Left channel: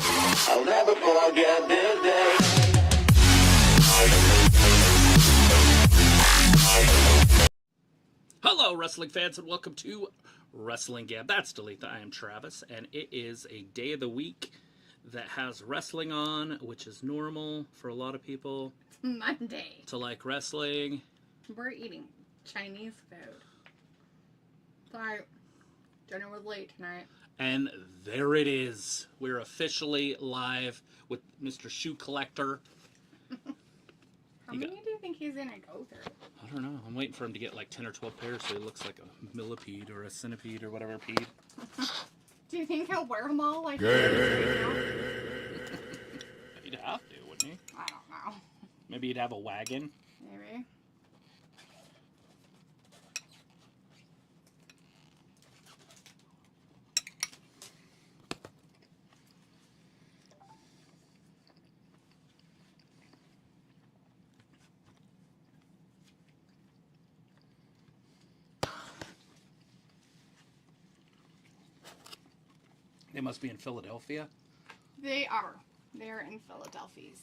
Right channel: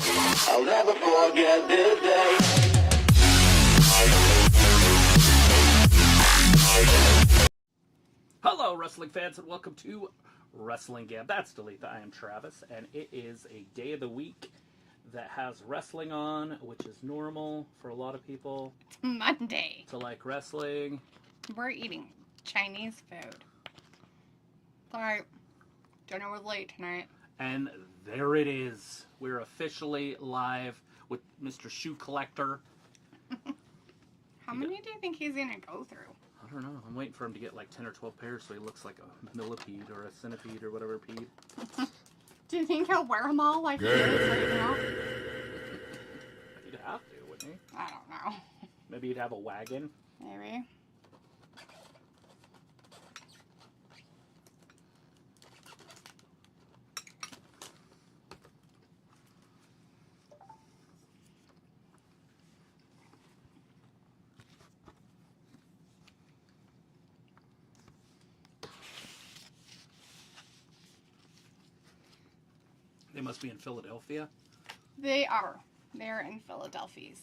I'll never forget this day. Hello, wrestling fans, and welcome to Wrestling Gab. That's Dalitha. I am Travis, and it is a day of the week that has wrestling on, which is normal for a lot of people. It's Monday. To like wrestling. We're eating Chinese food. Sorry, dinner was late tonight. And there it is. We're officially live with Mr. Shoe Collector. How many do you think he's going to go through? I don't know. I'm waiting for him to get like 10 or 12 pairs so he looks like a millipede or a centipede or whatever peed. Do you think he'll wear them all like He'd have to, wouldn't he? I don't know. Maybe he'd have a wagon. Maybe. They must be in Philadelphia. They are. They're in Philadelphia.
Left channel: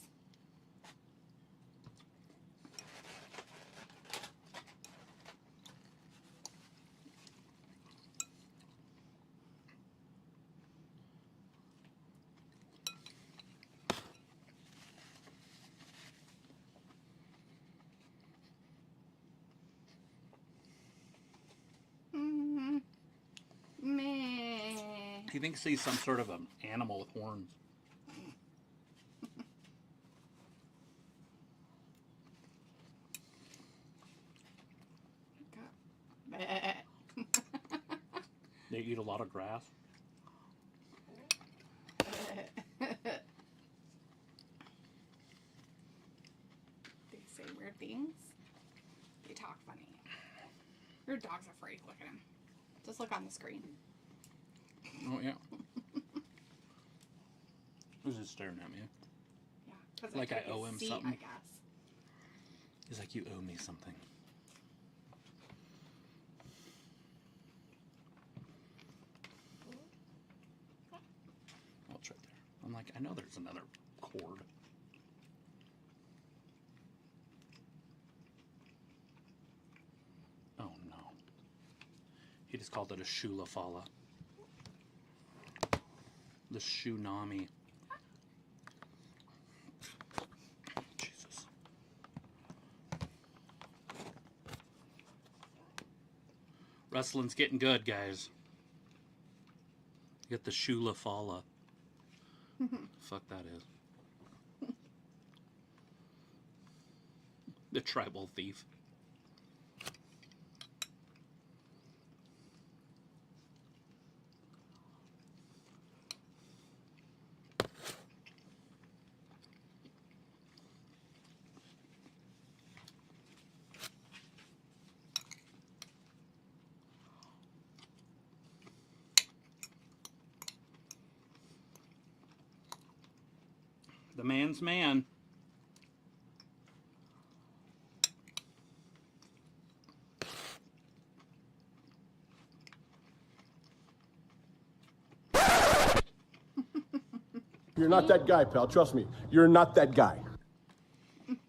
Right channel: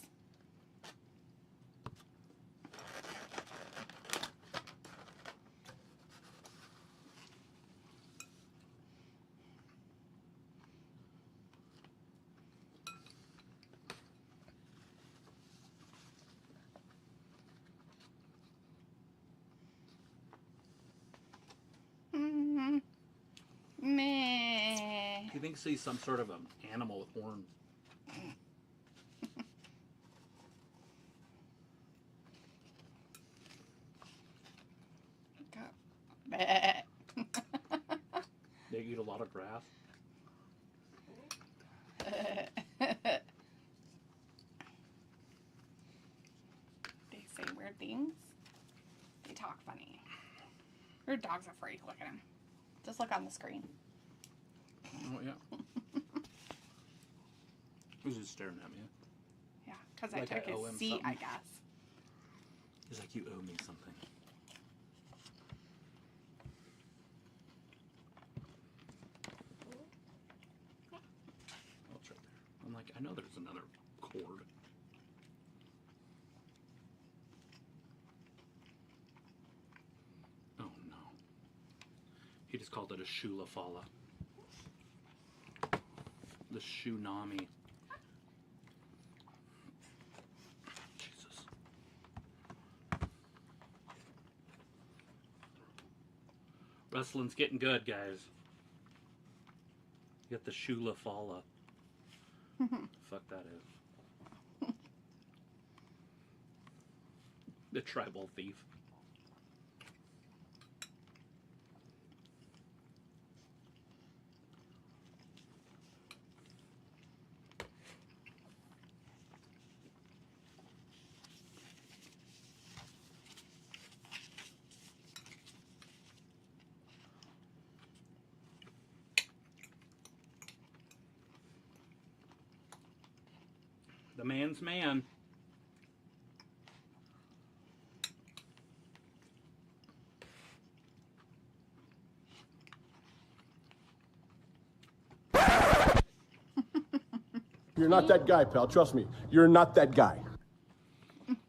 Meh. He thinks he's some sort of an animal with horns. They eat a lot of grass. They say weird things. They talk funny. Your dog's a freak. Look at him. Just look on the screen. Oh, yeah. Who's just staring at me? Yeah, because Like I I took owe his him seat, something? I guess. He's like, you owe me something. Oh, it's right there. I'm like, I know there's another cord. Oh, no. He just called it a shulafala. The Shunami. Jesus. Wrestling's getting good, guys. Get the Shulafala. Fuck that is. The tribal thief. The man's man. You're not that guy, pal. Trust me. You're not that guy.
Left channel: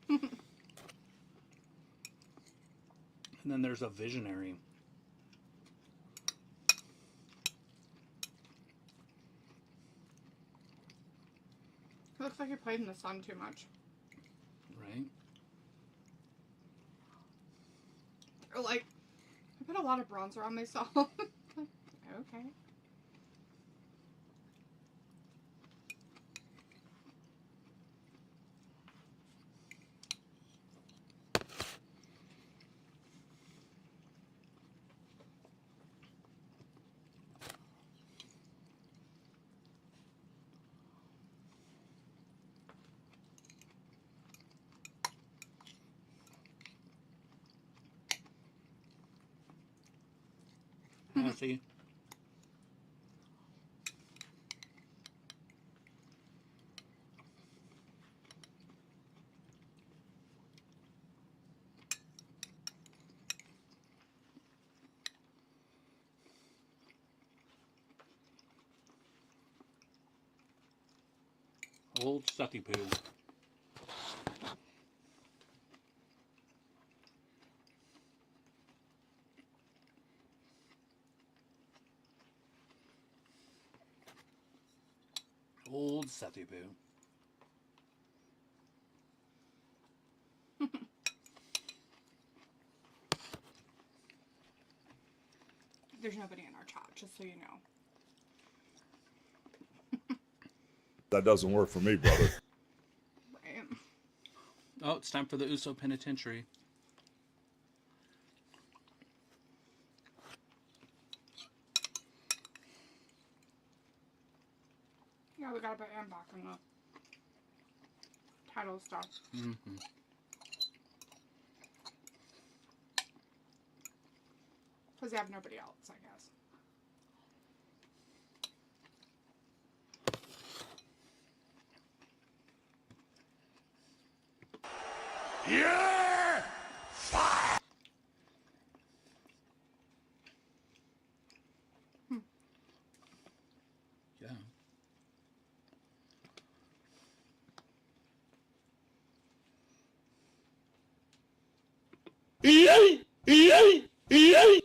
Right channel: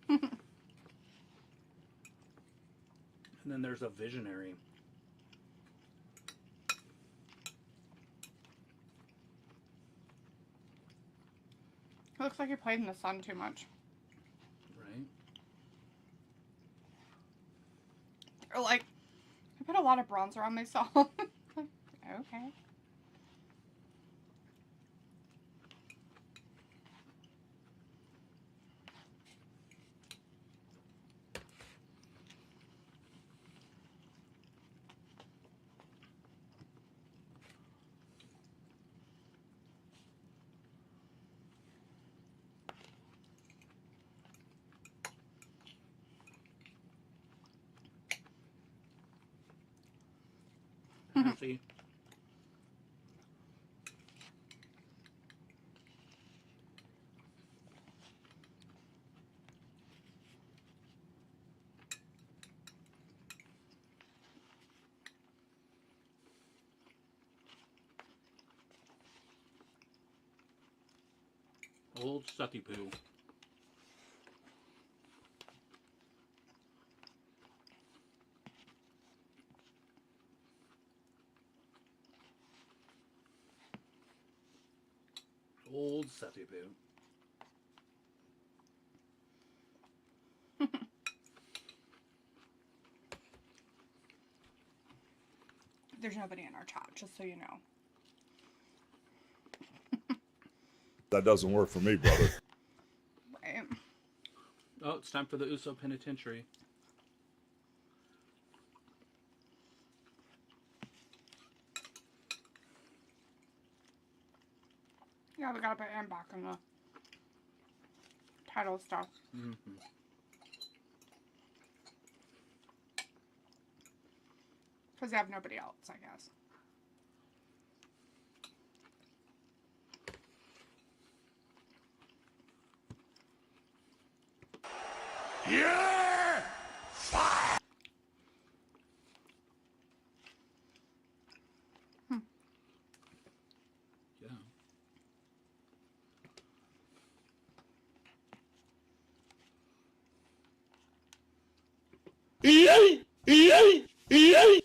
And then there's a visionary. It looks like he played in the sun too much. Right? Or like, he put a lot of bronzer on myself. Like, okay. See? Old sucky poo. Old sucky poo. There's nobody in our chat, just so you know. That doesn't work for me, brother. Right. Oh, it's time for the Uso Penitentiary. Yeah, we gotta put him back in the title stuff. Mm-hmm. Because they have nobody else, I guess. Yeah! Fire! Yeah. EA! EA! EA!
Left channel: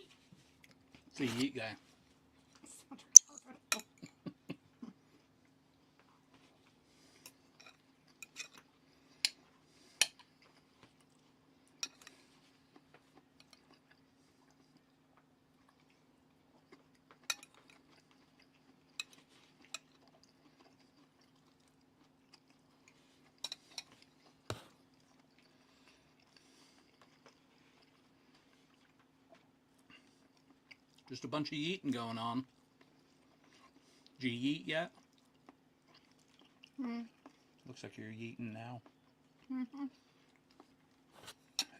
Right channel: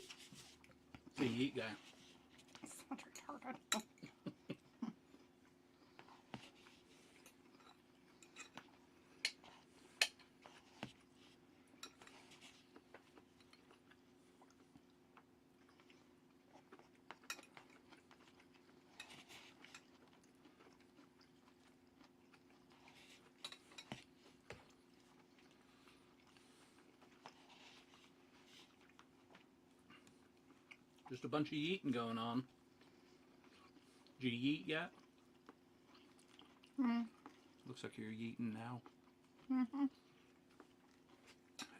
The Yeet guy. Such retarded. Just a bunch of yeeting going on. Did you yeet yet? Mm. Looks like you're yeeting now. Mm-hmm.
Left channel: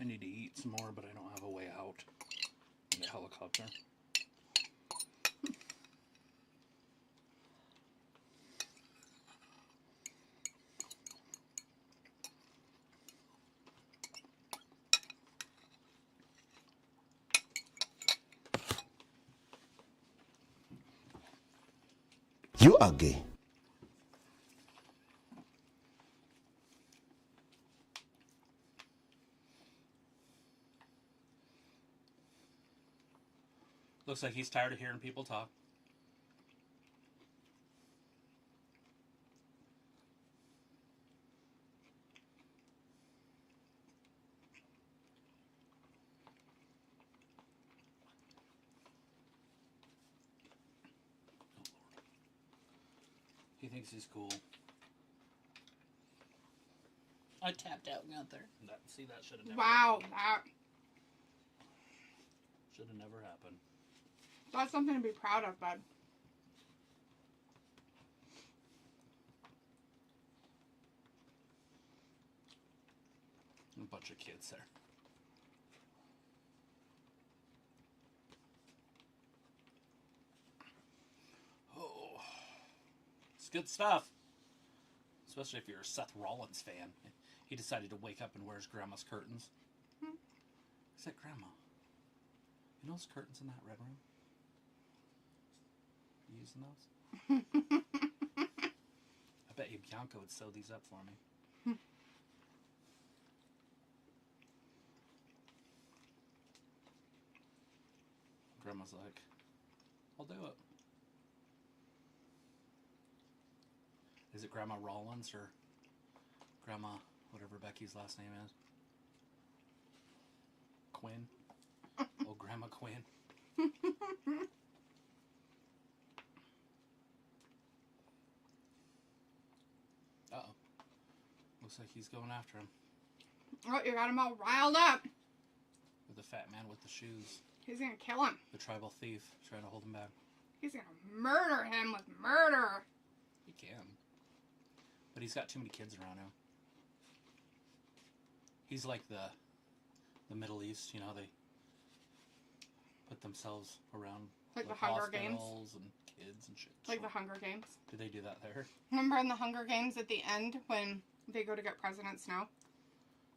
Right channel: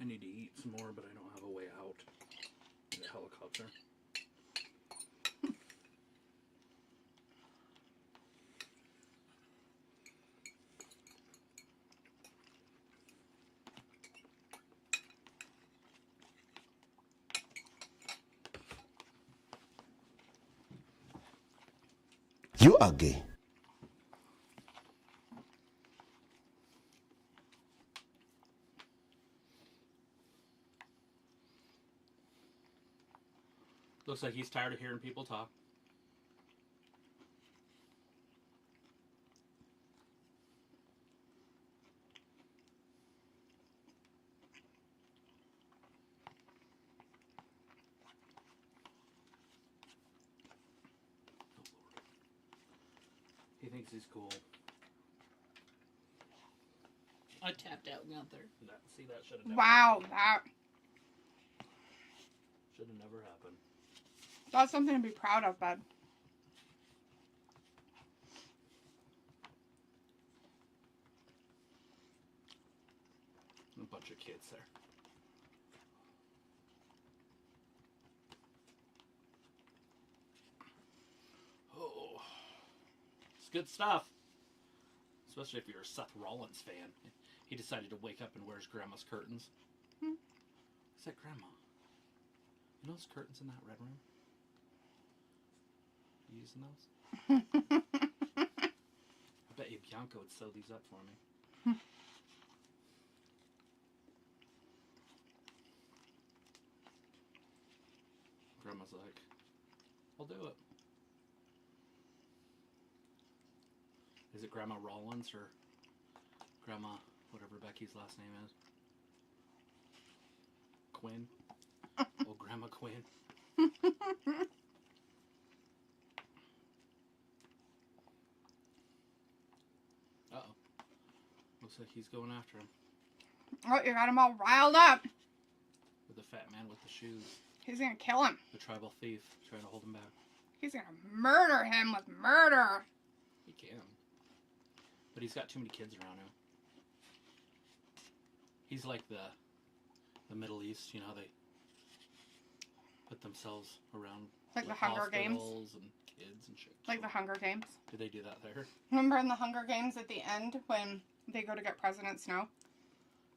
I need to eat some more, but I don't have a way out in the helicopter. You are gay. Looks like he's tired of hearing people talk. He thinks he's cool. I tapped out and out there. See, that should have never Wow, that should have never happened. that's something to be proud of, bud. A bunch of kids there. Oh, it's good stuff. Especially if you're a Seth Rollins fan. He decided to wake up and wear his grandma's curtains. Hmm. Is that grandma? You know those curtains in that red room? You using those? I bet you Bianca would sew these up for me. Grandma's like, I'll do it. Is it Grandma Rollins or Grandma, whatever Becky's last name is? Quinn? Oh, Grandma Quinn. Uh-oh. Looks like he's going after him. Oh, you got him all riled up. With the fat man with the shoes. He's gonna kill him. The tribal thief trying to hold him back. He's gonna murder him with murder. He can. But he's got too many kids around him. He's like the Middle East, you know, they put themselves around Like the Hunger Games. hospitals and kids and shit. Like the Hunger Games. Did they do that there? Remember in the Hunger Games at the end when they go to get President Snow?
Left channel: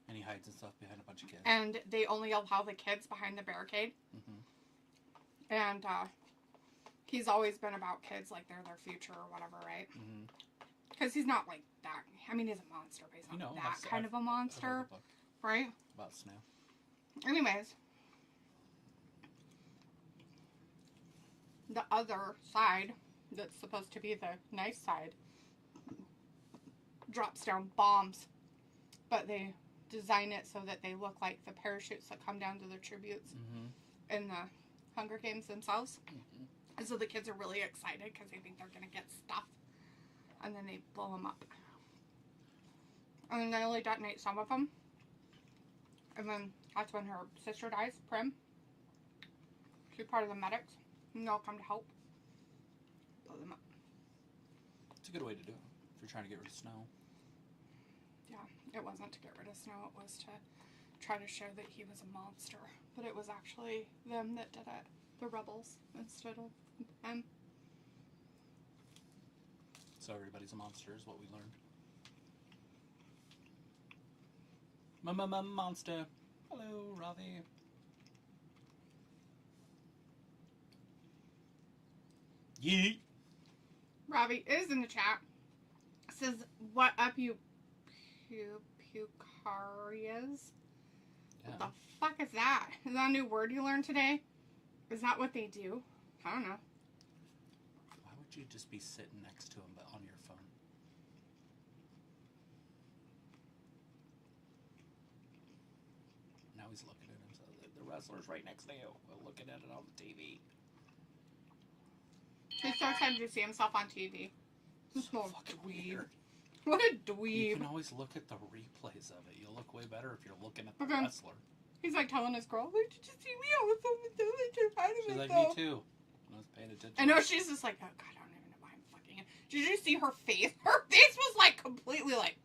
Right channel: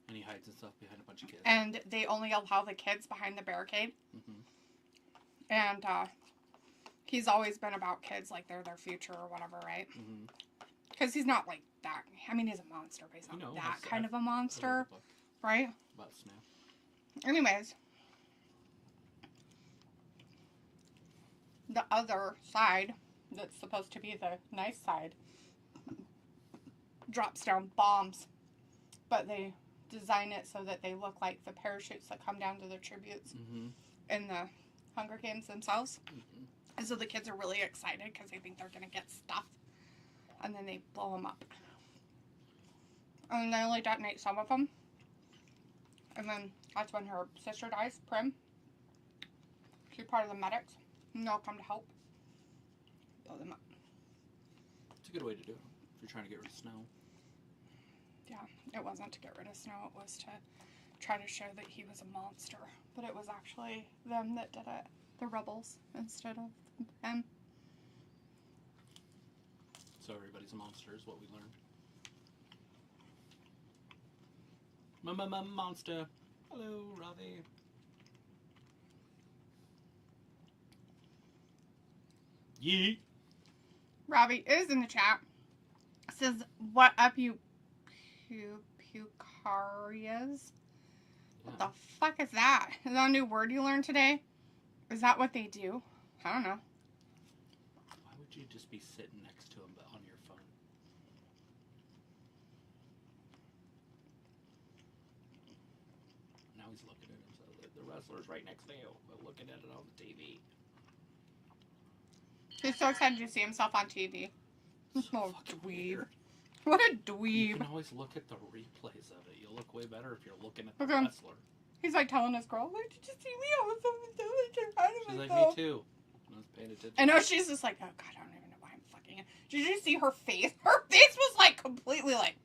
And he hides and stuff behind a bunch of kids. And they only allow the kids behind the barricade. Mm-hmm. And he's always been about kids, like they're their future or whatever, right? Mm-hmm. Because he's not like that. I mean, he's a monster, but he's not that kind of a monster. Right? About Snow. Anyways. The other side, that's supposed to be the nice side, drops down bombs. But they design it so that they look like the parachutes that come down to the tributes in the Hunger Games themselves. And so the kids are really excited because they think they're going to get stuff. And then they blow them up. And they only detonate some of them. And then that's when her sister dies, Prim. She's part of the medics. And they'll come to help. Blow them up. It's a good way to do it if you're trying to get rid of Snow. Yeah, it wasn't to get rid of Snow. It was to try to show that he was a monster. But it was actually them that did it. The rebels instead of them. So everybody's a monster is what we learned. Monster. Hello, Ravi. Yeet. Ravi is in the chat. Says, what up, you Pucarias? What the fuck is that? Is that a new word you learned today? Is that what they do? I don't know. Why would you just be sitting next to him but on your phone? Now he's looking at him. So the wrestler's right next to you. We're looking at it on the TV. He's so excited to see himself on TV. So fucking weird. What a You dweeb. can always look at the replays of it. You'll look way better if you're looking at the Okay. wrestler. He's like telling his girl, "Wait, did you see me? I was so proud of She's like, myself." me too. I was paying attention. I know, she's just like, oh god, I don't even know why I'm fucking her. Did you see her face? Her face was like completely like,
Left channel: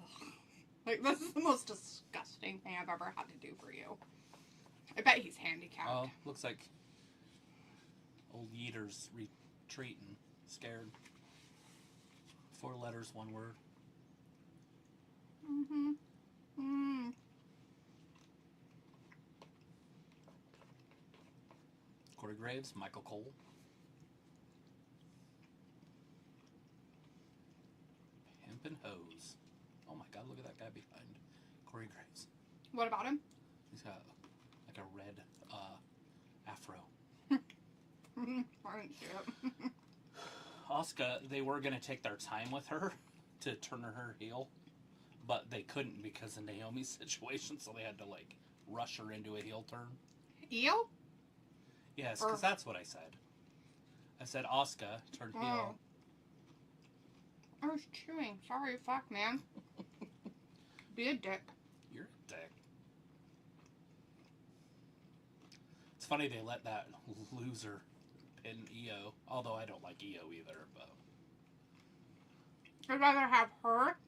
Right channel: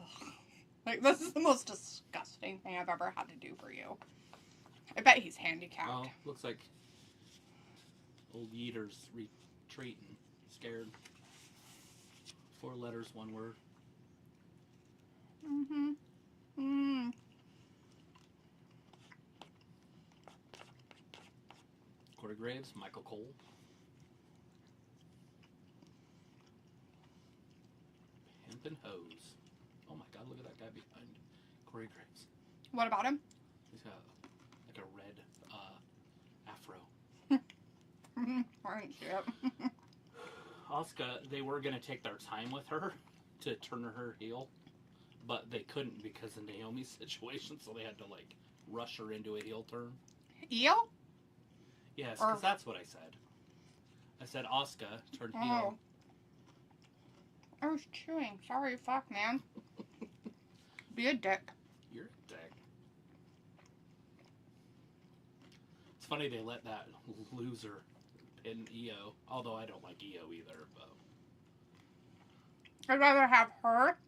ugh. Like, this is the most disgusting thing I've ever had to do for you. I bet he's handicapped. Oh, looks like old Yeater's retreating. Scared. 4 letters, 1 word. Corey Graves, Michael Cole. Hemp and Hose. Oh my god, look at that guy behind Corey Graves. What about him? He's got like a red afro. Right, yep. Asuka, they were going to take their time with her to turn her heel, but they couldn't because of Naomi's situation, so they had to like rush her into a heel turn. Eel? Yes, because that's what I said. I said Asuka turned heel. I was chewing. Sorry, fuck, man. Be a dick. You're a dick. It's funny they let that loser pin Io, although I don't like Io either, but I'd rather have her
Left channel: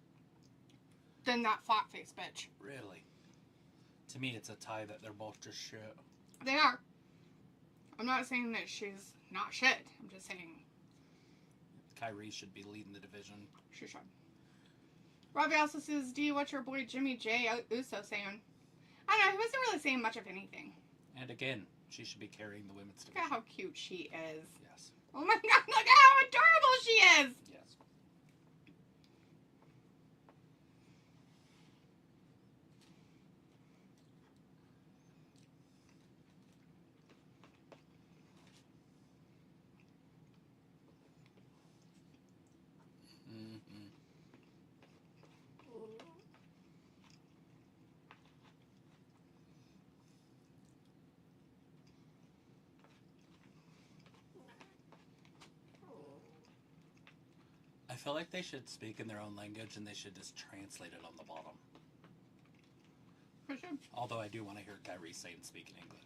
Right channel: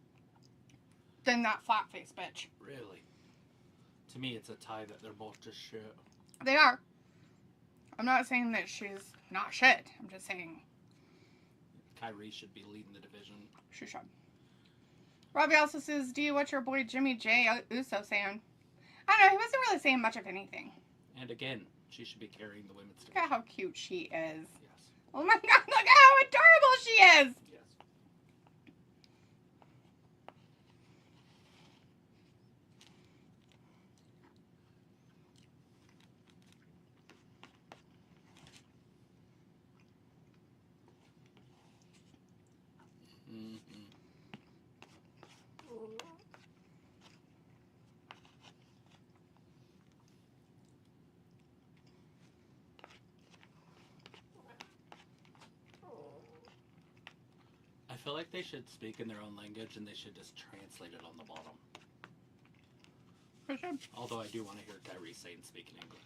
than that flat face bitch. really, to me it's a tie that they're both just shit. They are. I'm not saying that she's not shit. I'm just saying Kyrie should be leading the division. she should. Robbie also says, D, what's your boy Jimmy J Uso saying? I don't know, he wasn't really saying much of anything. And again, she should be carrying the women's Look division. at how cute she is. Yes. Oh my god, look at how adorable she is! Yes. I feel like they should speak in their own language and they should just translate it on the bottom. For sure. Although I do want to hear Kyrie say and speak in English.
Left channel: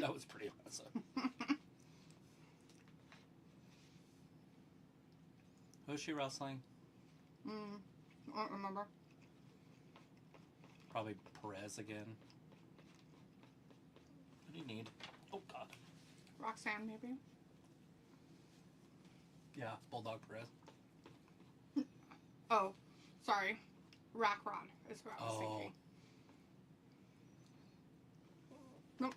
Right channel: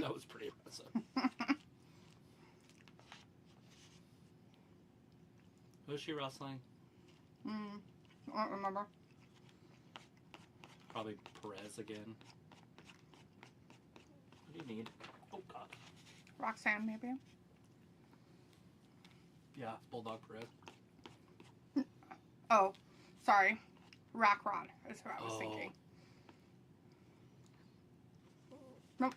That was pretty impressive. Who's she wrestling? I don't remember. Probably Perez again. What do you need? Oh god. Roxanne, maybe? Yeah, Bulldog Perez. Oh, sorry. Rack Rod is what I was Oh. thinking. Nope.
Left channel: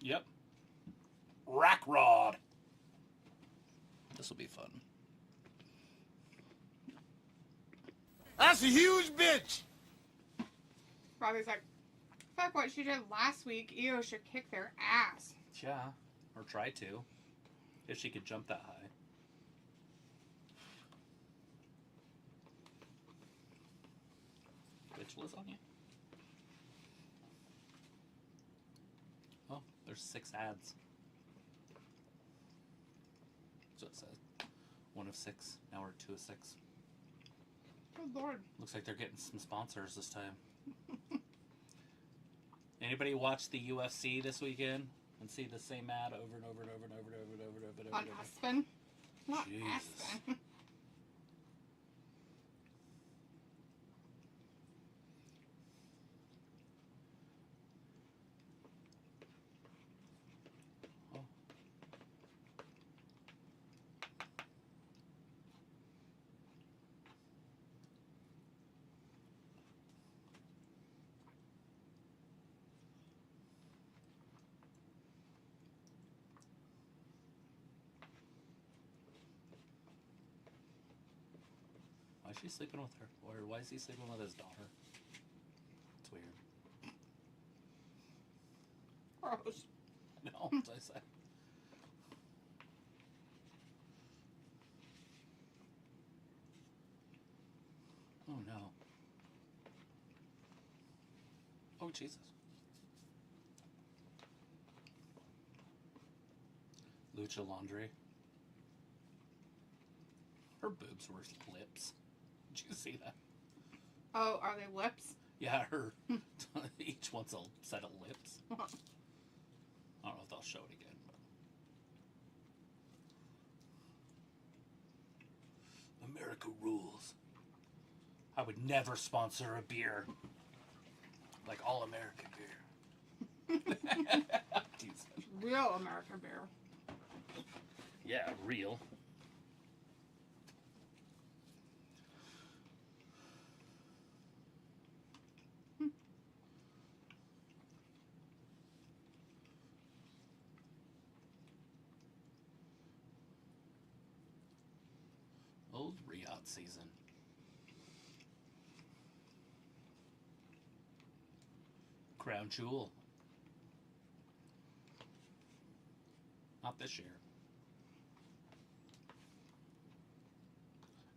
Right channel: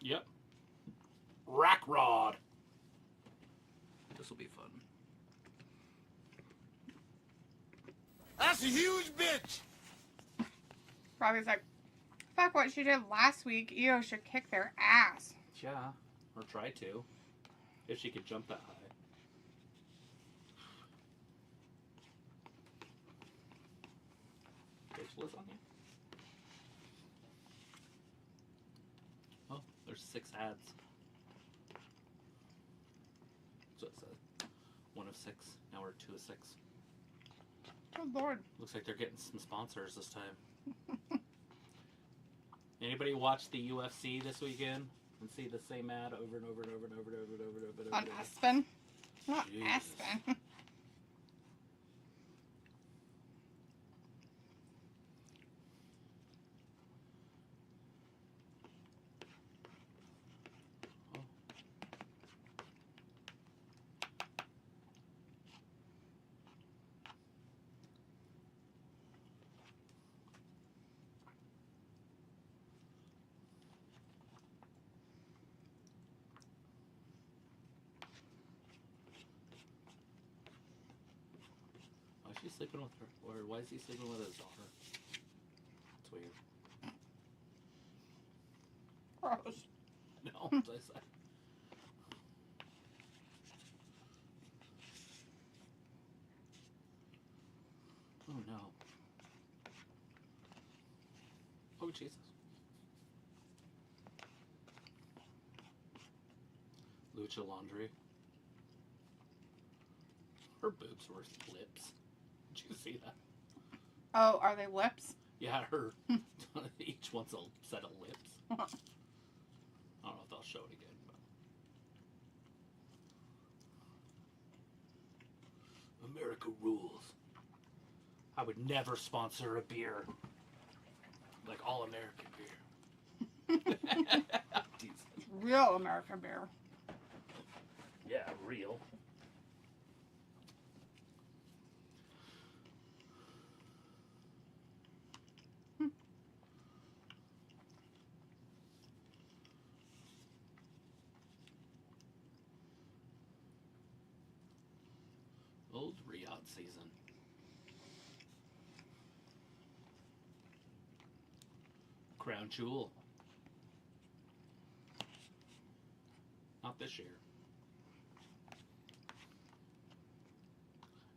Yep. Rack Rod. This will be fun. That's a huge bitch. Robbie's like, fuck what she did last week. Io should kick their ass. Yeah, or try to. If she could jump that high. Bitchless on you? Oh, there's 6 ads. So it says 1 of 6. Now we're 2 of 6. Oh, Lord. Looks like they're getting some sponsors this time. Anybody watch the UFC this weekend and see the same ad over and over and over and over and over and over and over and over? On and over? Aspen? Not Jesus. Aspen. Oh. Why is she sleeping with her? Or why is he sleeping with his daughter? It's weird. Gross. No, as I said. Oh no. Oh Jesus. Lucha Laundry. Her boobs were lips. Did you see that? Oh, are they lips? Yeah, her. Each one's a set of lips. I don't know if they'll show it again, but America rules. I would never sponsor a beer like All American beer. Real American beer. Yeah, real. Old Riot season. Crown Jewel. Not this year.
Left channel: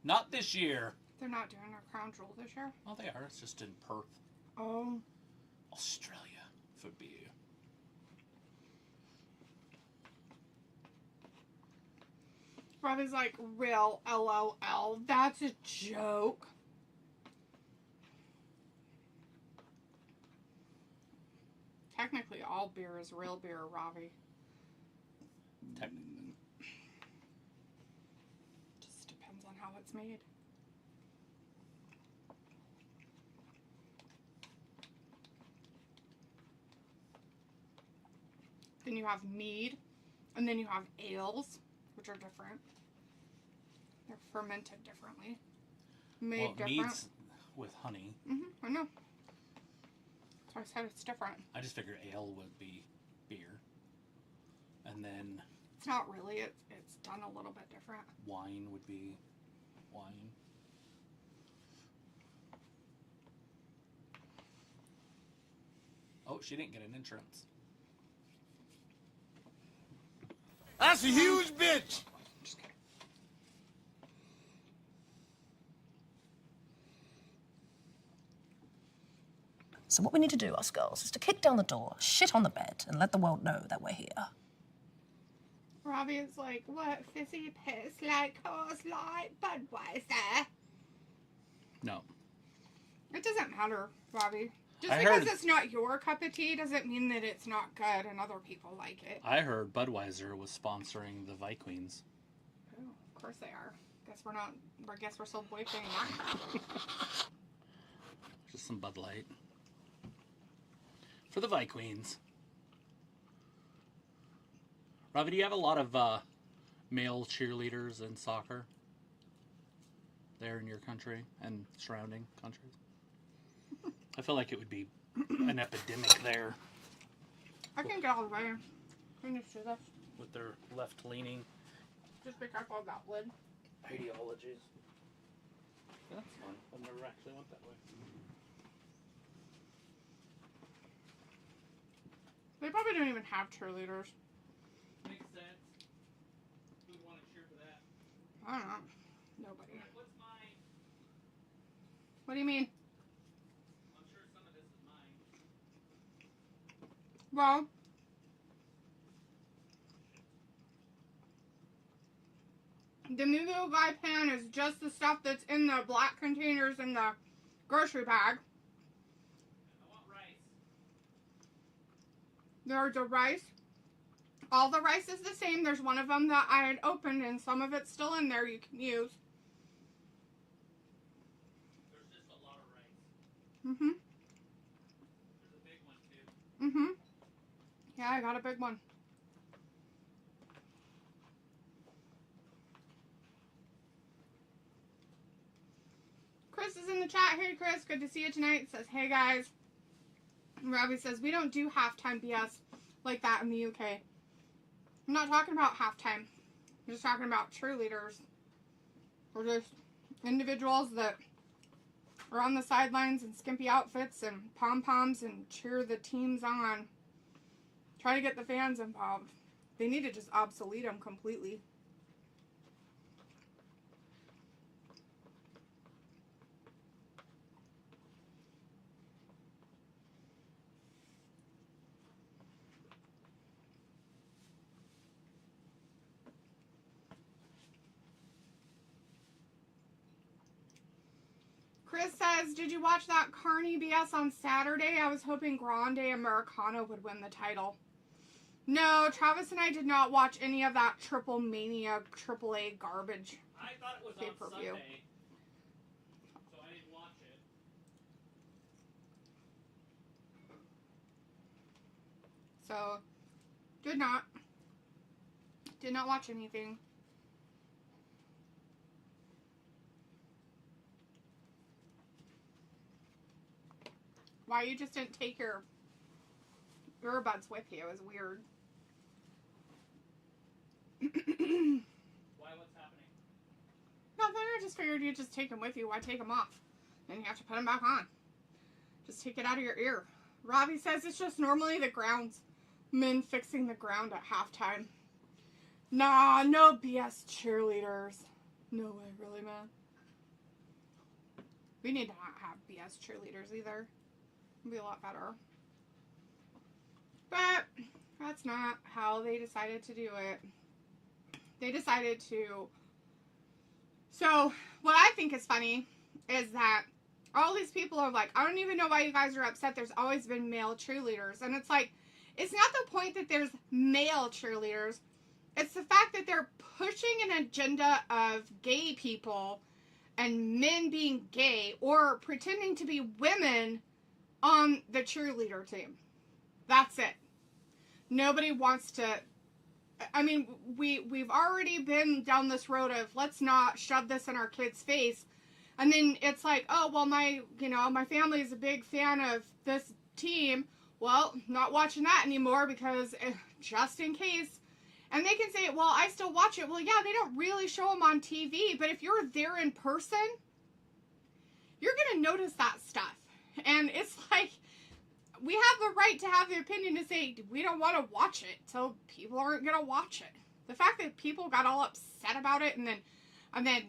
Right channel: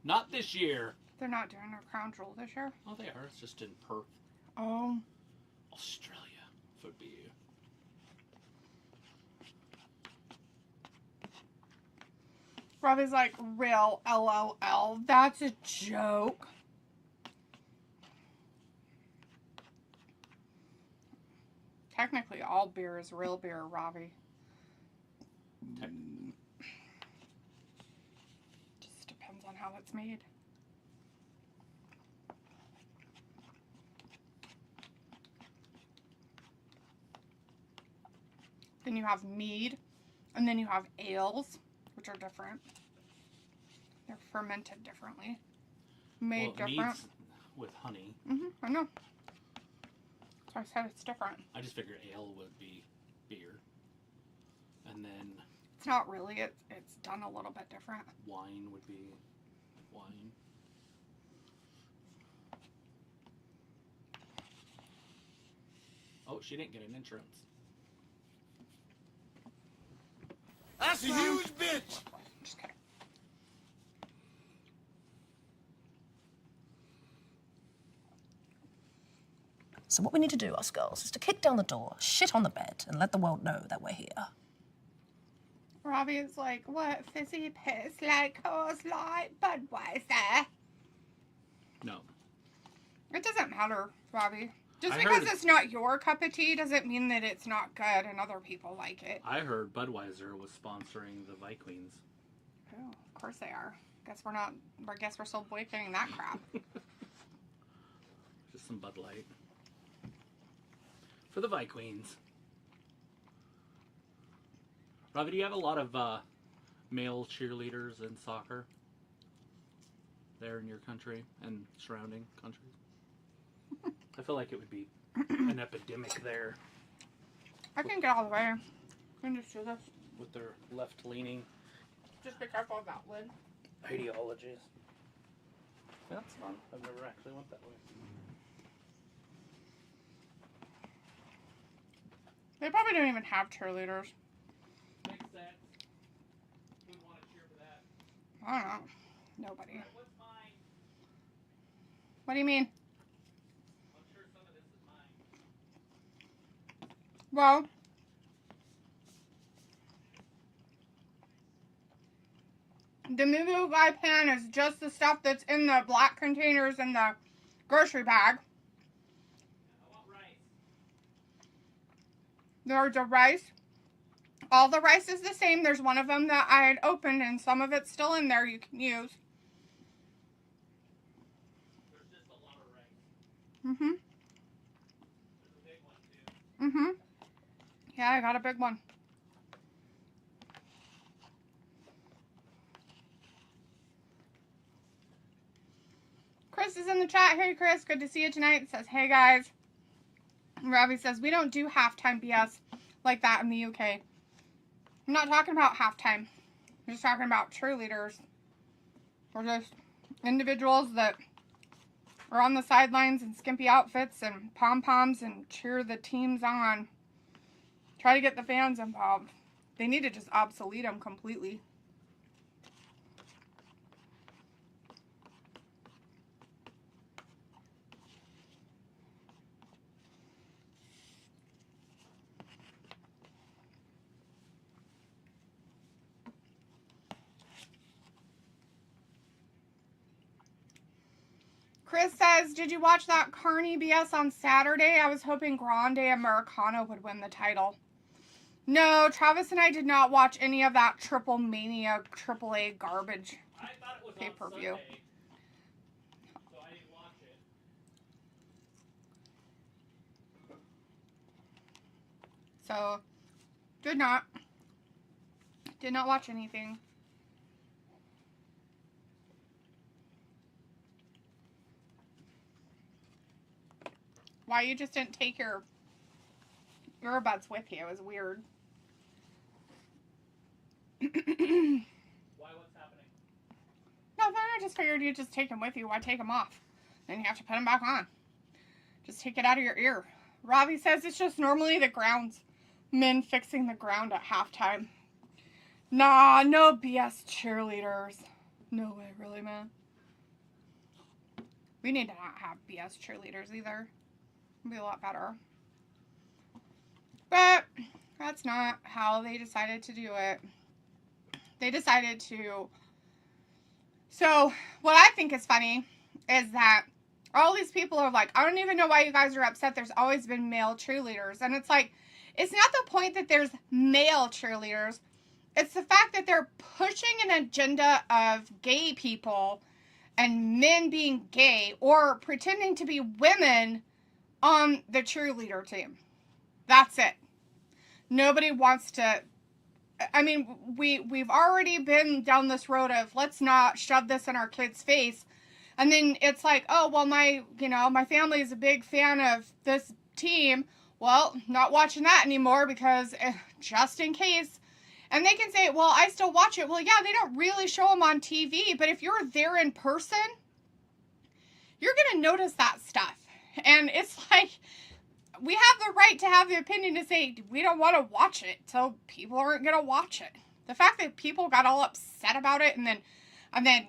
Not this year. They're not doing a crown jewel this year. Oh, they are. It's just in Perth, Oh. Australia. Would be. Robbie's like, real LOL. That's a joke. Technically, all beer is real beer, Robbie. Technically. Just depends on how it's made. Then you have mead, and then you have ales, which are different. They're fermented differently. Made Well, different. mead's with honey. I know. So I said it's different. I just figured ale would be beer. And then It's not really. It's done a little bit different. wine would be wine. Oh, she didn't get an entrance. That's a huge bitch. Just kidding. So what we need to do, us girls, is to kick down the door, shit on the bed, and let the world know that we're here. Robbie is like, what fizzy piss like Coors Light Budweiser? No. It doesn't matter, Robbie. Just I because heard- it's not your cup of tea doesn't mean that it's not good and other people like it. I heard Budweiser was sponsoring the Vikings. Oh, of course they are. Guess we're not. I guess we're still boycotting that crap. Just some Bud Light. For the Vikings. Robbie, do you have a lot of male cheerleaders in soccer? There in your country and surrounding countries? I feel like it would be an epidemic there I can get all the way. We can just do this. with their left-leaning Just be careful of that lid. Ideologies. That's fun. I've never actually went that way. They probably don't even have cheerleaders. Makes sense. Who would want to cheer for that? I don't know. Nobody. What's mine? What do you mean? I'm sure some of this is mine. Well, the Moo Moo Gai pan is just the stuff that's in the black containers in the grocery bag. I want rice. There's a rice. All the rice is the same. There's one of them that I had opened and some of it's still in there you can use. There's just a lot of rice. Mm-hmm. There's a big one too. Mm-hmm. Yeah, I got a big one. Chris is in the chat. Hey, Chris. Good to see you tonight. Says, hey, guys. Robbie says, we don't do halftime BS like that in the UK. I'm not talking about halftime. I'm just talking about cheerleaders. Or just individuals that are on the sidelines in skimpy outfits and pom-poms and cheer the teams on. Try to get the fans involved. They need to just obsolete them completely. Chris says, did you watch that Carney BS on Saturday? I was hoping Grande Americano would win the title. No, Travis and I did not watch any of that Triple Mania, AAA garbage I thought it was pay-per-view. on Sunday, so I didn't watch it. So, did not watch anything. Why you just didn't take your earbuds with you? It was weird. Why? What's happening? Nothing. I just figured you'd just take them with you. Why take them off? Then you have to put them back on. Just take it out of your ear. Ravi says it's just normally the grounds. Men fixing the ground at halftime. Nah, no BS cheerleaders. No way, really, man. We need to not have BS cheerleaders either. It'd be a lot better. But that's not how they decided to do it. They decided to... So, what I think is funny is that all these people are like, I don't even know why you guys are upset. There's always been male cheerleaders. And it's like, it's not the point that there's male cheerleaders. It's the fact that they're pushing an agenda of gay people and men being gay or pretending to be women on the cheerleader team. That's it. Nobody wants to... I mean, we've already been down this road of let's not shove this in our kids' face. And then it's like, oh, well, my family is a big fan of this team. Well, not watching that anymore because just in case. And they can say, well, I still watch it. Well, yeah, they don't really show them on TV. But if you're there in person, you're going to notice that stuff. And it's like, we have the right to have the opinion to say we don't want to watch it, so people aren't going to watch it. The fact that people got all upset about it and then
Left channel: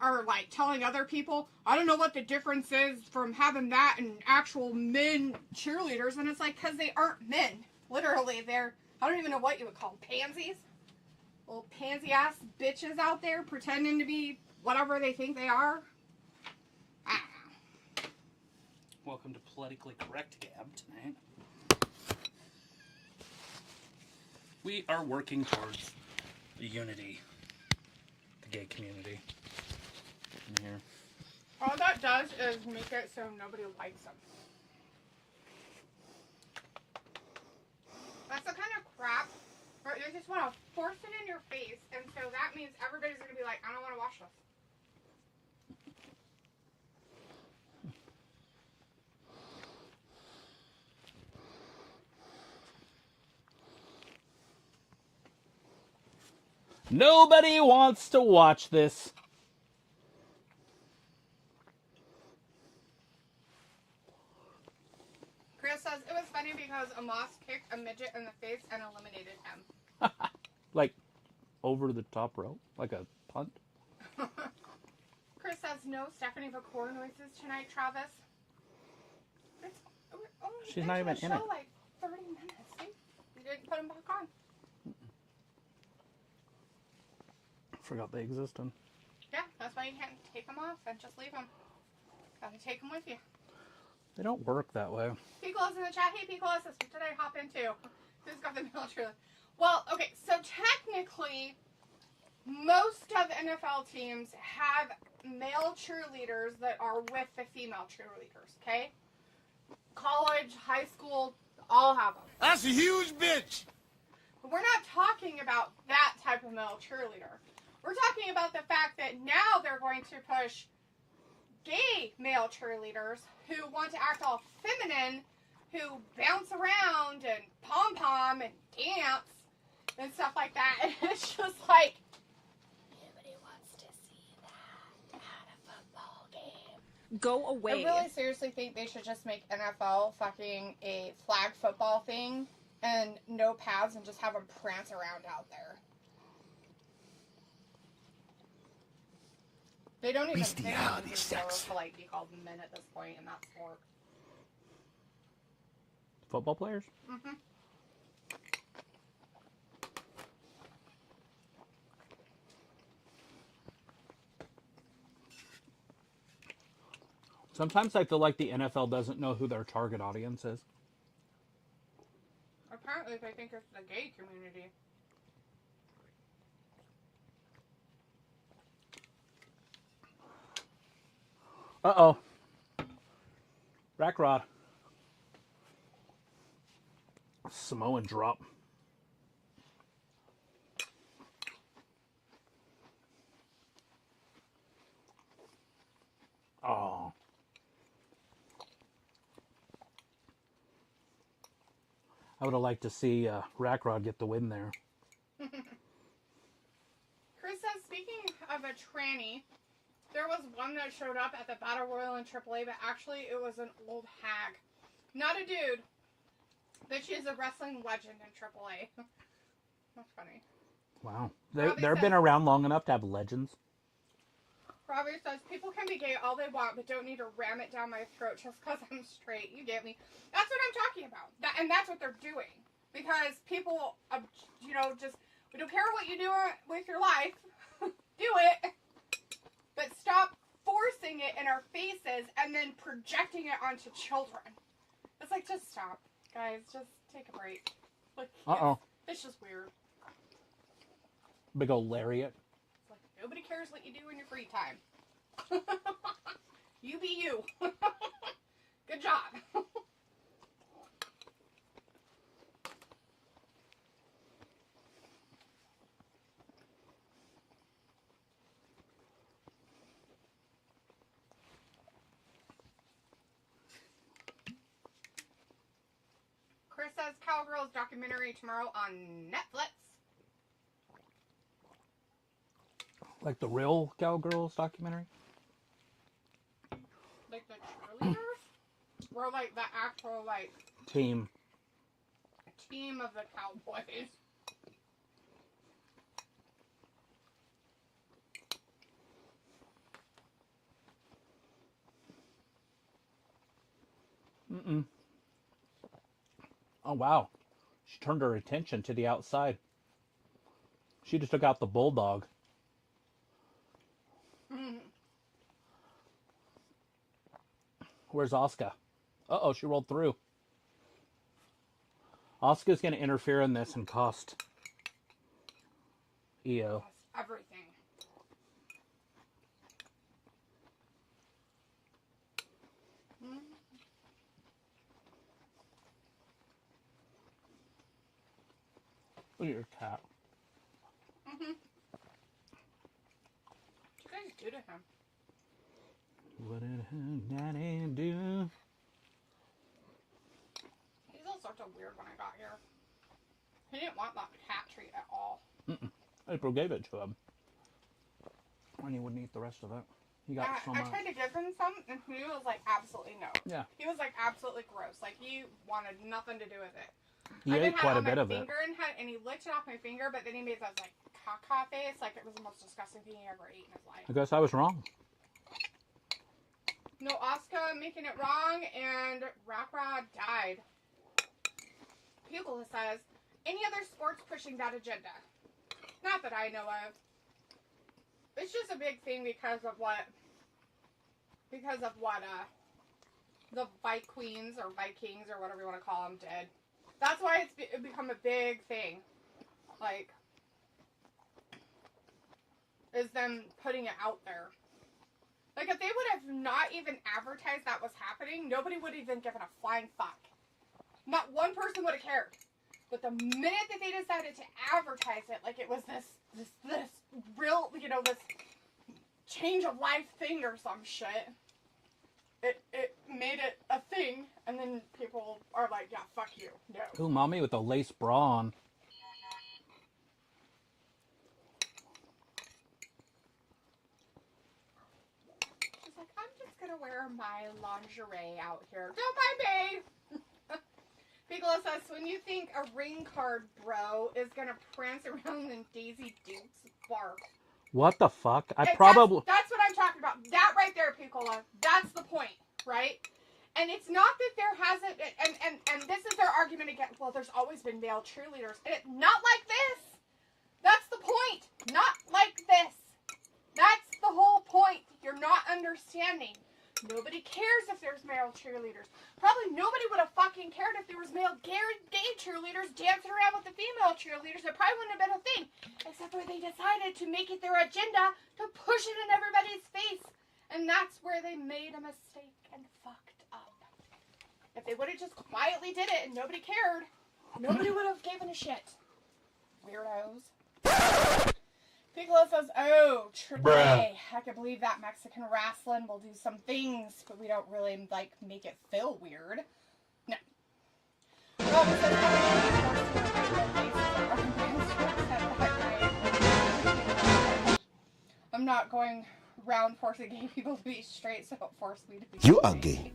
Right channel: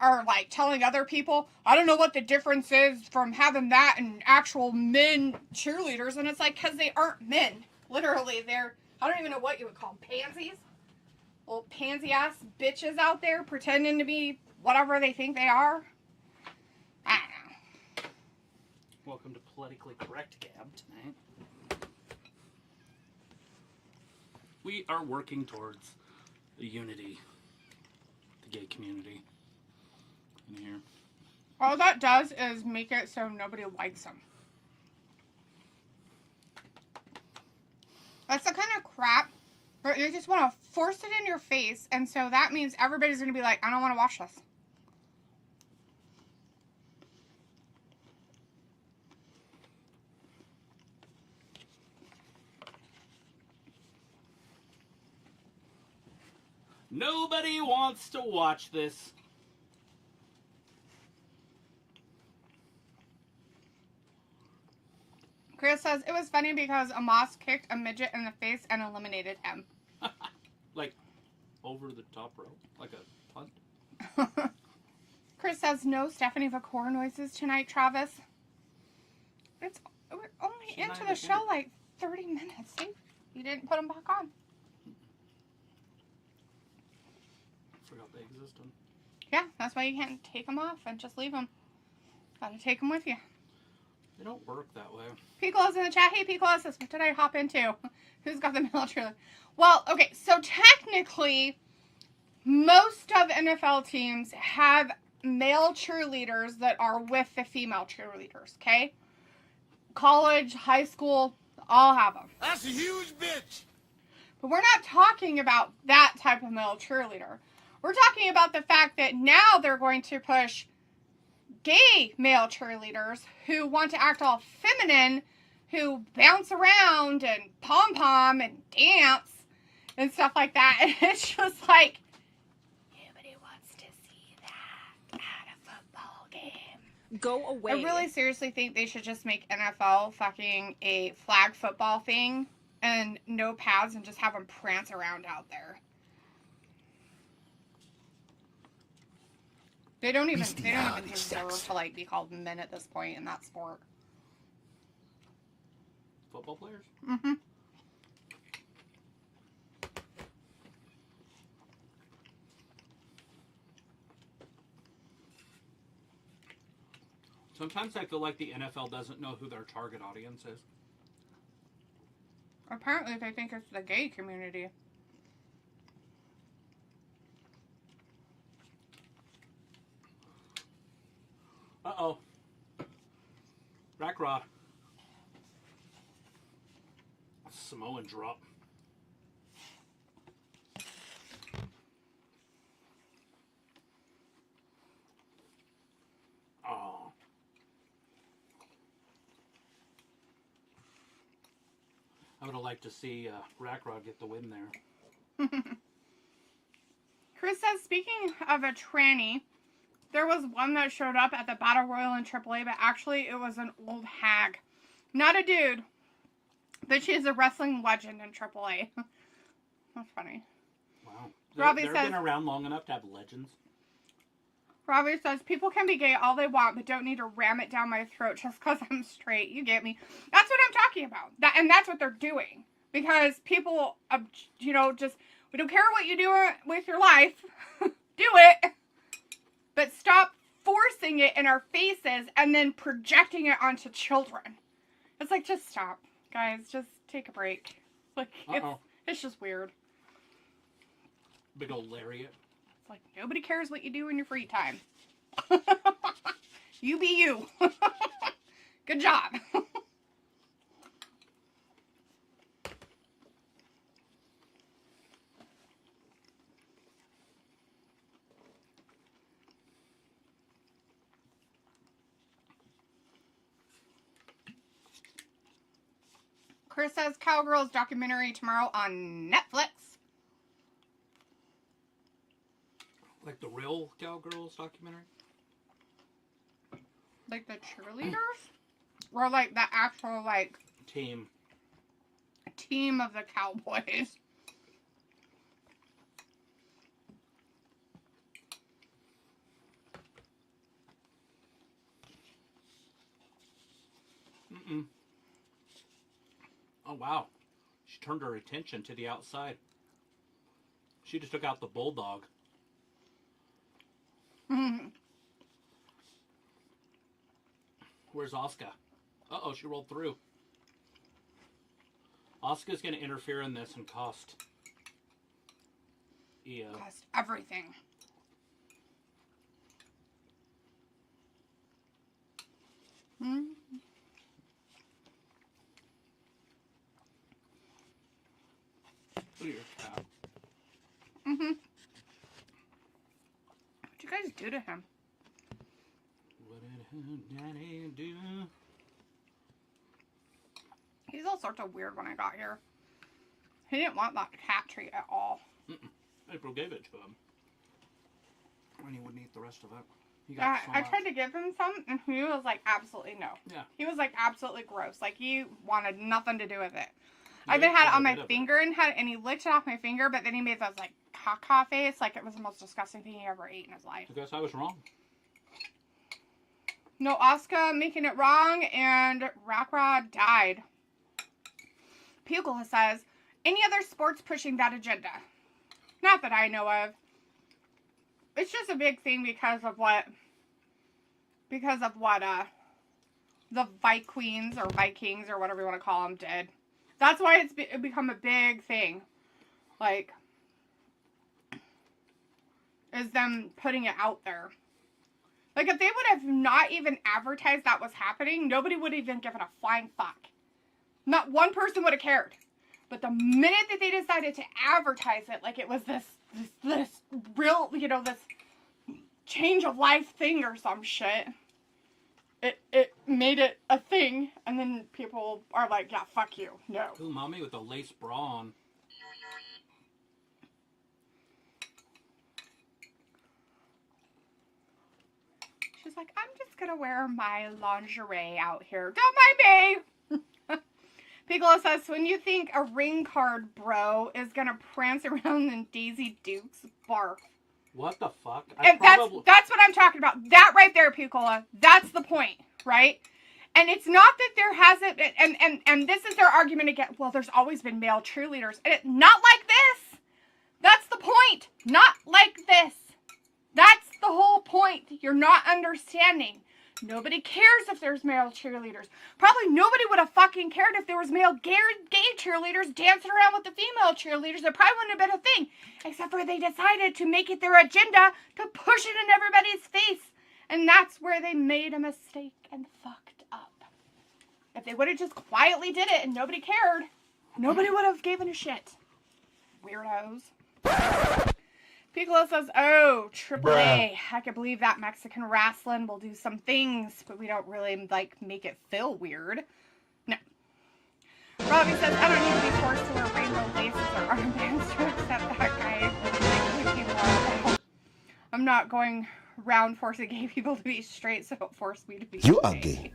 are like telling other people, I don't know what the difference is from having that and actual men cheerleaders. And it's like, because they aren't men. Literally, they're, I don't even know what you would call them, pansies. Little pansy-ass bitches out there pretending to be whatever they think they are. I don't know. Welcome to Politically Correct Gab tonight. We are working towards the unity, the gay community in here. All that does is make it so nobody likes them. That's the kind of crap where you just want to force it in your face, and so that means everybody's going to be like, I don't want to watch this. Nobody wants to watch this. Chris says it was funny because Amos kicked a midget in the face and eliminated him. Like, over the top rope? Like a punt? Chris says no Stephanie VaCour noises tonight, Travis. We're only She's not into the even in show it. like 30 minutes. See? You didn't put them back on. Forgot they existed. Yeah, that's why you can't take them off and just leave them. Gotta take them with you. They don't work that way. Piccolo's in the chat. Hey, Piccolo says, what did I hop into? Who's got the male cheerleader? Well, okay, so technically, most of NFL teams have male cheerleaders that are with the female cheerleaders, okay? College, high school, all have them. That's a huge bitch. But we're not talking about that type of male cheerleader. We're talking about the fact that now they're going to push gay male cheerleaders who want to act all feminine, who bounce around and pom-pom and dance and stuff like that. And it's just like, nobody wants to see that at a football game. Go away. I really seriously think they should just make NFL fucking a flag football thing and no pads and just have them prance around out there. They don't even deserve to like be called men at this point in that sport. Football players? Mm-hmm. Sometimes I feel like the NFL doesn't know who their target audience is. Apparently they think it's the gay community. Uh-oh. Rack Rod. Samoan drop. Oh. I would have liked to see Rack Rod get the win there. Chris says, speaking of a tranny, there was one that showed up at the Battle Royal in AAA, but actually it was an old hag. Not a dude, but she's a wrestling legend in AAA. That's funny. Wow. Robbie They've says- been around long enough to have legends. Robbie says, people can be gay all they want, but don't need to ram it down my throat just because I'm straight. You get me? That's what I'm talking about. And that's what they're doing. Because people, just, we don't care what you do with your life. Do it. But stop forcing it in our faces and then projecting it onto children. It's like, just stop. Guys, just take a break. Like, it's just weird. Big old lariat. It's like, nobody cares what you do in your free time. You be you. Good job. Chris says Cowgirls documentary tomorrow on Netflix. Like the real Cowgirls documentary? Like the cheerleaders? Or like the actual, like, Team. team of the Cowboys? Mm-mm. Oh, wow. She turned her attention to the outside. She just took out the bulldog. Where's Asuka? Uh-oh, she rolled through. Asuka's going to interfere in this and cost Io. Cost everything. Look at your cat. What'd you guys do to him? What did her daddy do? He's all sorts of weird when I got here. He didn't want that cat treat at all. I April gave it to him. And he wouldn't eat the rest of it. He got so I much. tried to give him some, and he was like, absolutely no. Yeah. He was like, absolutely gross. Like, he wanted nothing to do with it. He I even ate had it quite on a bit my of it. finger, and he licked it off my finger, but then he made those, like, caca face. Like, it was the most disgusting thing he ever ate in his life. I guess I was wrong. No Asuka making it wrong, and Rakra died. Pugula says, any other sports pushing that agenda? Not that I know of. It's just a big thing because of what the Vikings or Vikings or whatever you want to call them did. That's why it's become a big thing. Like, is them putting it out there. Like, if they would have not even advertised that was happening, nobody would have even given a flying fuck. Not one person would have cared. But the minute that they decided to advertise it, like it was this real, this change of life thing or some shit, it made it a thing, and then people are like, yeah, fuck you, no. Ooh, mommy with a lace bra on. She's like, I'm just gonna wear my lingerie out here. Don't mind me! Piccolo says, when you think a ring card bro is gonna prance around in Daisy Duke's bark. What the fuck? That's what I'm talking about. That right there, Piccola. That's the point, right? And it's not that there hasn't, and this is their argument again. Well, there's always been male cheerleaders. Not like this. That's the point. Not like this. That's the whole point. You're not understanding. Nobody cares if there's male cheerleaders. Probably nobody would have fucking cared if there was male gay cheerleaders dancing around with the female cheerleaders. It probably wouldn't have been a thing. Except for they decided to make it their agenda to push it in everybody's face. And that's where they made a mistake and fucked up. If they would have just quietly did it and nobody cared, nobody would have given a shit. Weirdos. Piccolo says, oh, Triple A. I can believe that Mexican wrestling will do some things, but we don't really, make it feel weird. No. Robin says, I don't know if it's rainbow faces or armbands to accept that guy. I'm not going around forcing gay people to be straight, so don't force me to be You straight. are gay.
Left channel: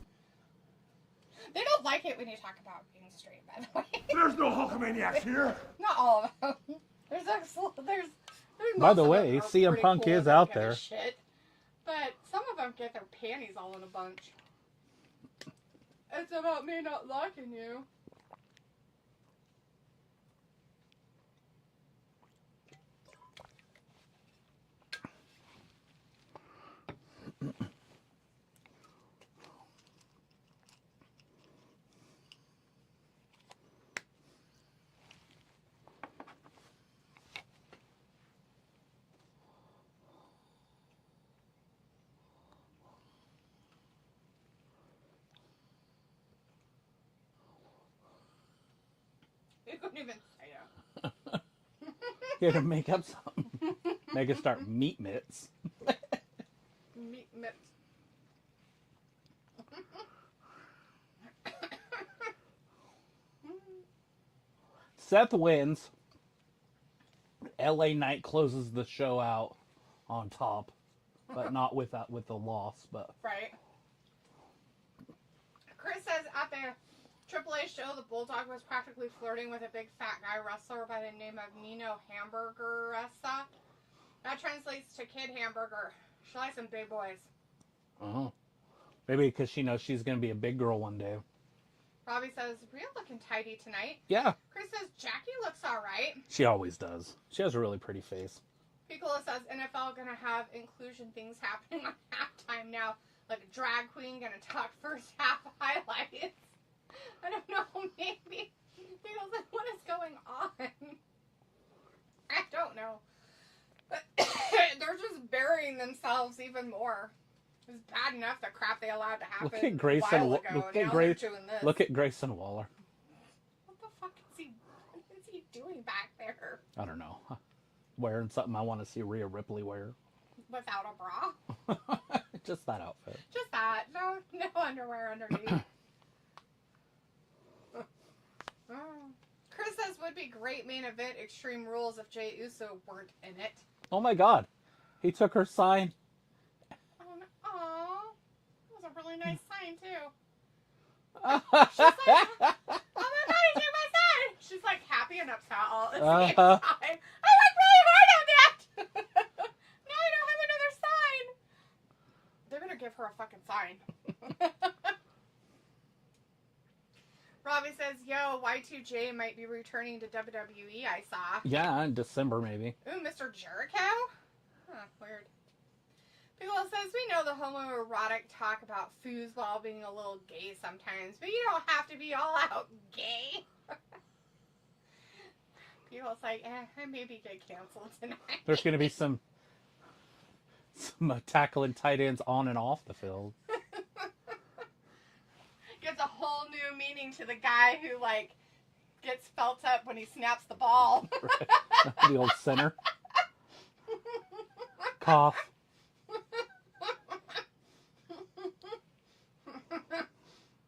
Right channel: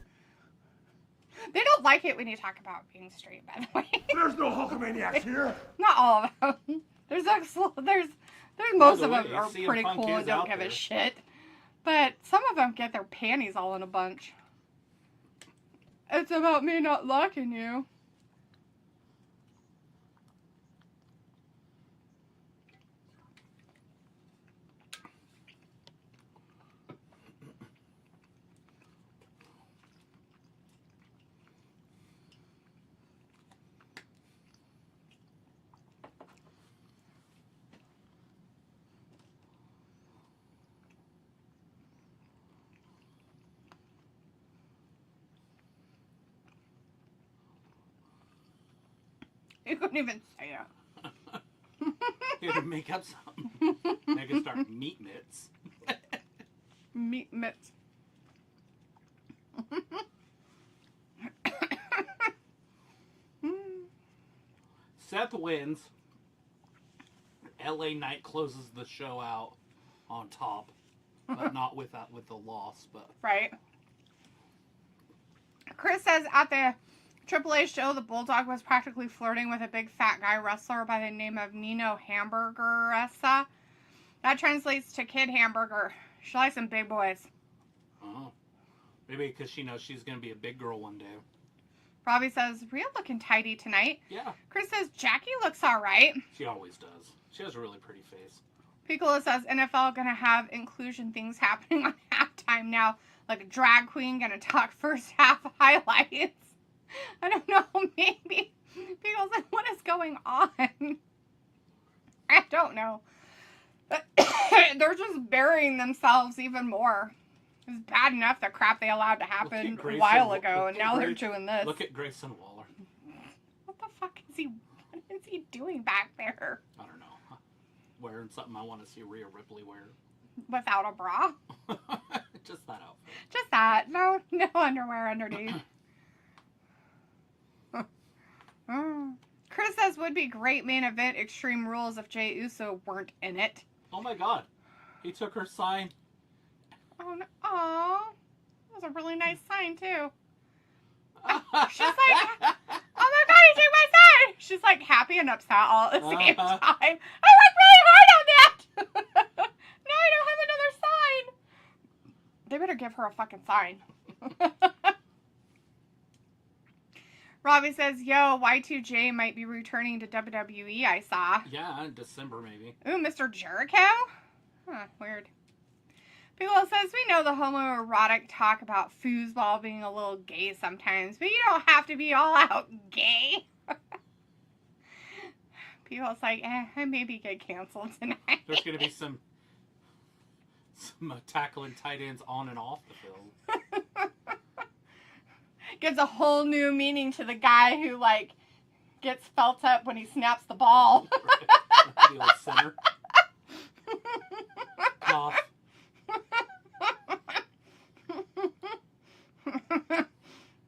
They don't like it when you talk about being straight, by the way. There's no Hulkamaniacs here. Not all of them. There's By most the of way, them are CM pretty Punk cool is and don't out give there. a shit. But some of them get their panties all in a bunch. It's about me not liking you. You couldn't even say it. You had to make up something. Make it start meat mitts. Meat mitts. Seth wins. LA Knight closes the show out on top, but not with the loss. But Right. Chris says at the AAA show, the Bulldog was practically flirting with a big fat guy wrestler by the name of Nino Hamburgeressa. That translates to Kid Hamburger. She likes some big boys. maybe because she knows she's going to be a big girl one day. Robbie says, Rhea looking tidy tonight. Yeah. Chris says, Jackie looks alright. She always does. She has a really pretty face. Piccolo says, NFL gonna have inclusion things happening on halftime now. Like a drag queen gonna talk first half highlights. I don't know, maybe. Piccolo says, what is going on? I don't know. They're just burying themselves even more. It's bad enough the crap they allowed to happen a while ago, and now they're doing this. Look at Grayson Waller. What the fuck is he doing back there? I don't know. Wearing something I want to see Rhea Ripley wear. Without a bra? Just that outfit. Just that. No underwear underneath. Chris says would be great main event Extreme Rules if Jey Uso weren't in it. Oh my God, he took her sign. Oh, no. Aw. That was a really nice sign, too. She's like, oh my God, he took my sign! She's like happy and upset all at the same time. I worked really hard on that! Now I don't have another sign! They better give her a fucking sign. Robbie says, yo, Y2J might be returning to WWE, I saw. Yeah, in December maybe. Ooh, Mr. Jericho? Huh, weird. Piccolo says, we know the homoerotic talk about foosball being a little gay sometimes, but you don't have to be all out gay. Piccolo's like, I maybe get canceled tonight. There's going to be some tackling tight ends on and off the field. Gives a whole new meaning to the guy who, like, gets felt up when he snaps the ball. The old center. Cough.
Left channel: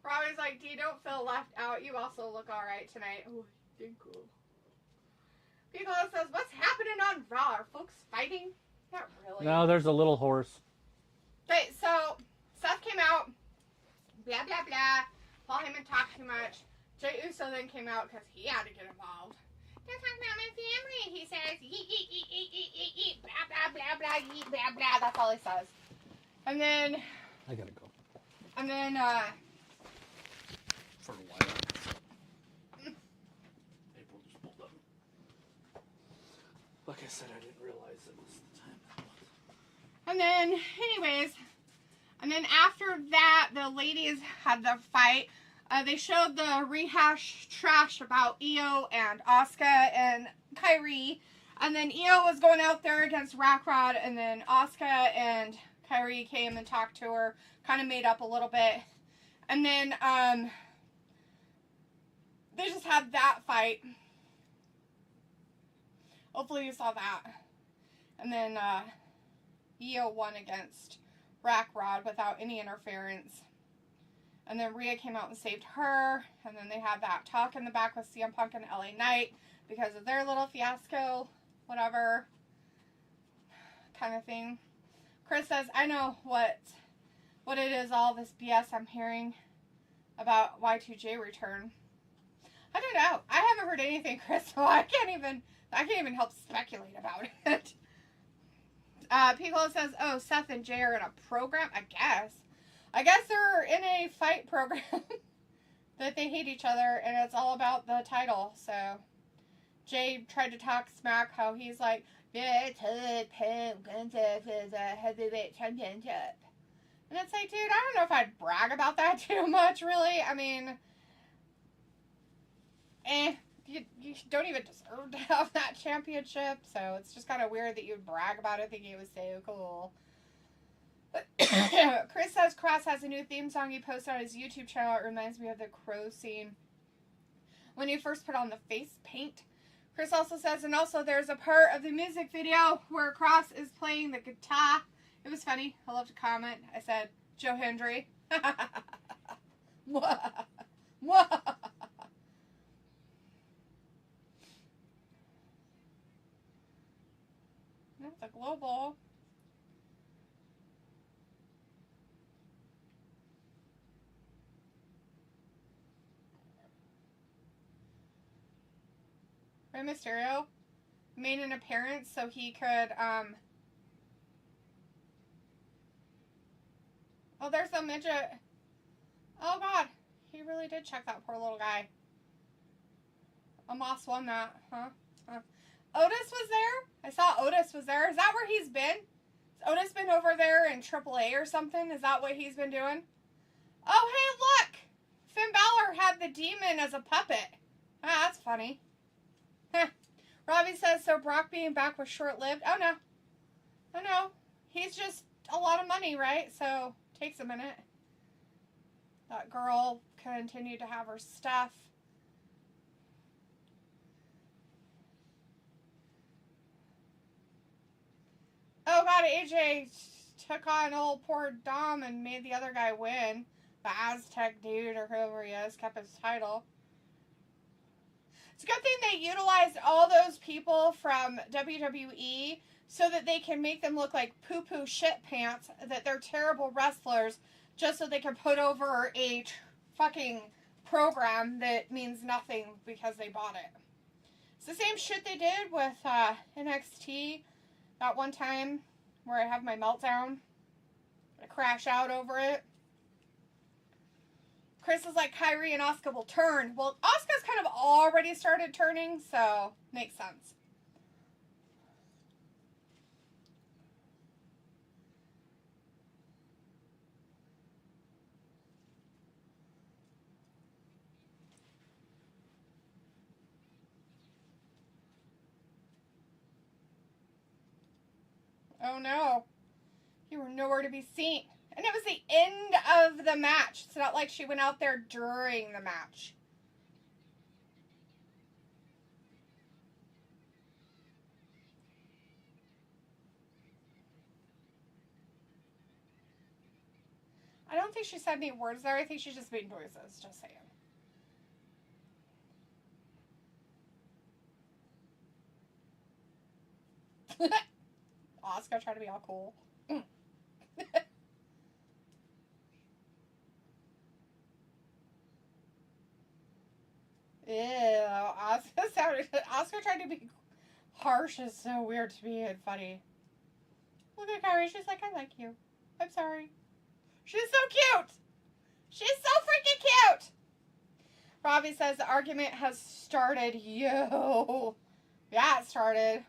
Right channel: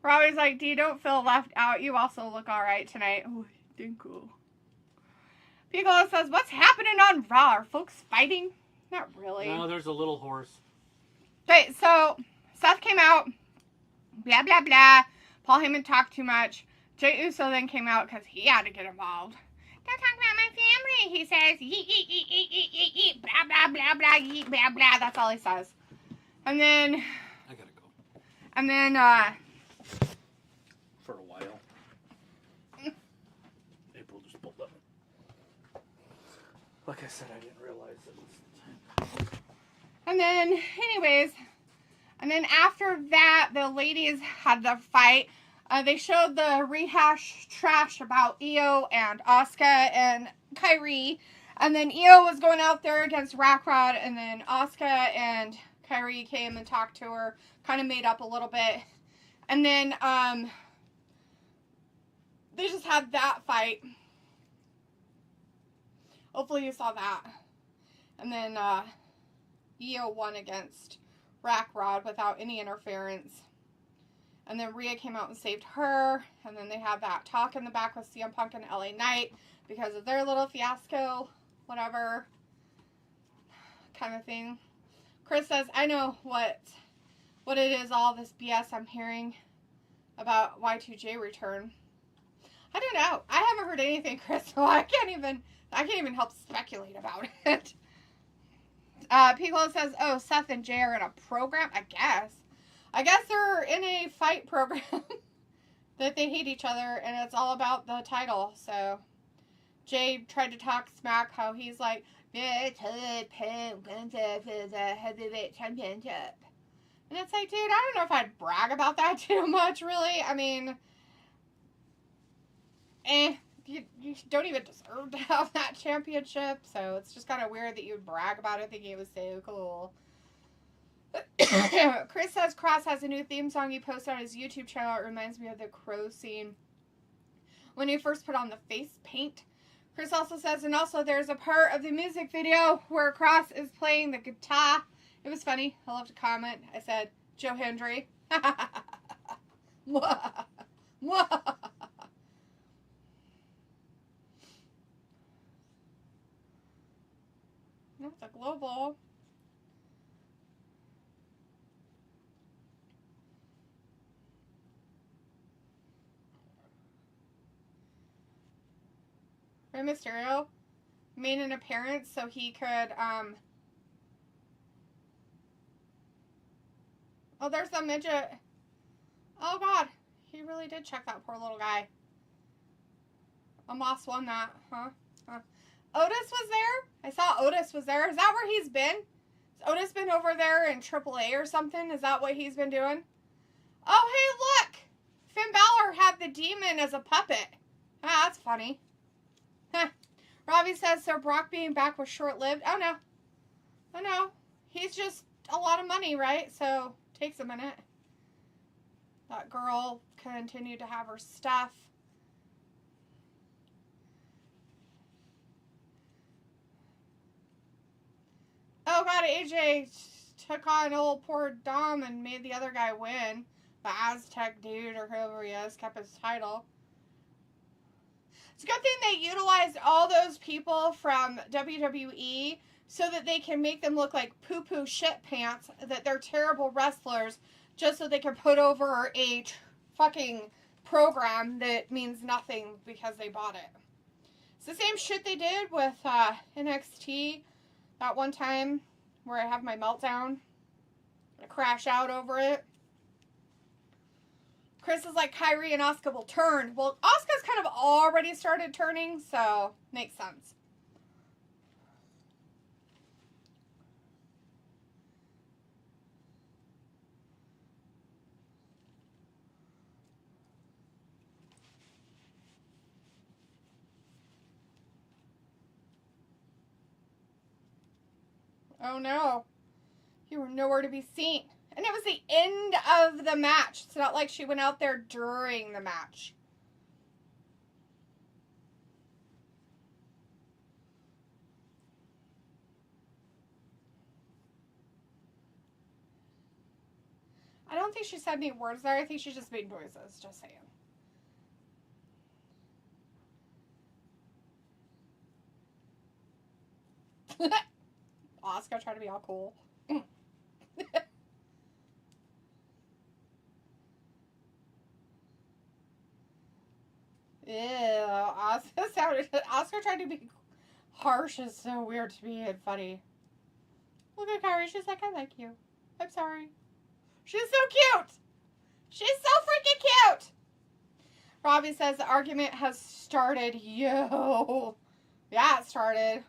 Robbie's like, D, don't feel left out. You also look alright tonight. Oh, thank you. Piccolo says, what's happening on Raw? Are folks fighting? Not really. No, there's a little horse. Okay, so Seth came out. Blah, blah, blah. Paul Heyman talked too much. Jey Uso then came out because he had to get involved. Don't talk about my family, he says. Yeet, yeet, yeet, yeet, yeet, yeet, yeet. Blah, blah, blah, blah, yeet, blah, blah. That's all he says. And then... I gotta go. And then, For a while. April just pulled up. Like I said, I didn't realize it was the time. And then, anyways, and then after that, the ladies had their fight. They showed the rehash trash about Io and Asuka and Kyrie. And then Io was going out there against Rockrod, and then Asuka and Kyrie came and talked to her, kind of made up a little bit. And then, they just had that fight. Hopefully you saw that. And then, Io won against Rockrod without any interference. And then Rhea came out and saved her. And then they had that talk in the back with CM Punk and LA Knight because of their little fiasco, whatever kind of thing. Chris says, I know what it is, all this BS I'm hearing about Y2J return. I don't know. I haven't heard anything, Chris, so I can't even help speculate about it. Piccolo says, oh, Seth and Jay are in a program? I guess they're in a fight program that they hate each other, and it's all about the title. So Jay tried to talk smack how he's like, the heavyweight championship. And it's like, dude, I don't know if I'd brag about that too much, really. I mean, you don't even deserve to have that championship, so it's just kind of weird that you'd brag about it thinking it was so cool. Chris says Cross has a new theme song he posted on his YouTube channel. It reminds me of the Crow scene when he first put on the face paint. Chris also says, and also there's a part of the music video where Cross is playing the guitar. It was funny. I left a comment. I said, Joe Hendry. That's a global. Rey Mysterio made an appearance so he could, oh, there's a midget. Oh, God. He really did check that poor little guy. Amos won that, huh? Otis was there? I saw Otis was there. Is that where he's been? Has Otis been over there in AAA or something? Is that what he's been doing? Oh, hey, look! Finn Balor had the demon as a puppet. Ah, that's funny. Robbie says, so Brock being back was short-lived. Oh, no. Oh, no. He's just a lot of money, right? So, takes a minute. That girl continued to have her stuff. Oh, God, AJ took on old poor Dom and made the other guy win. The Aztec dude, or whoever he is, kept his title. It's a good thing they utilized all those people from WWE so that they can make them look like poo-poo shit pants, that they're terrible wrestlers, just so they can put over a fucking program that means nothing because they bought it. It's the same shit they did with NXT that one time where I have my meltdown. I crash out over it. Chris is like, Kyrie and Asuka will turn. Well, Asuka's kind of already started turning, so makes sense. Oh no. You were nowhere to be seen. And it was the end of the match. It's not like she went out there during the match. I don't think she said any words there. I think she just made noises. Just saying. Asuka trying to be all cool. Ew, Asuka trying to be harsh is so weird to me and funny. Look at Kyrie, she's like, I like you. I'm sorry. She's so cute! She's so freaking cute! Robbie says the argument has started. Yo! Yeah, it started.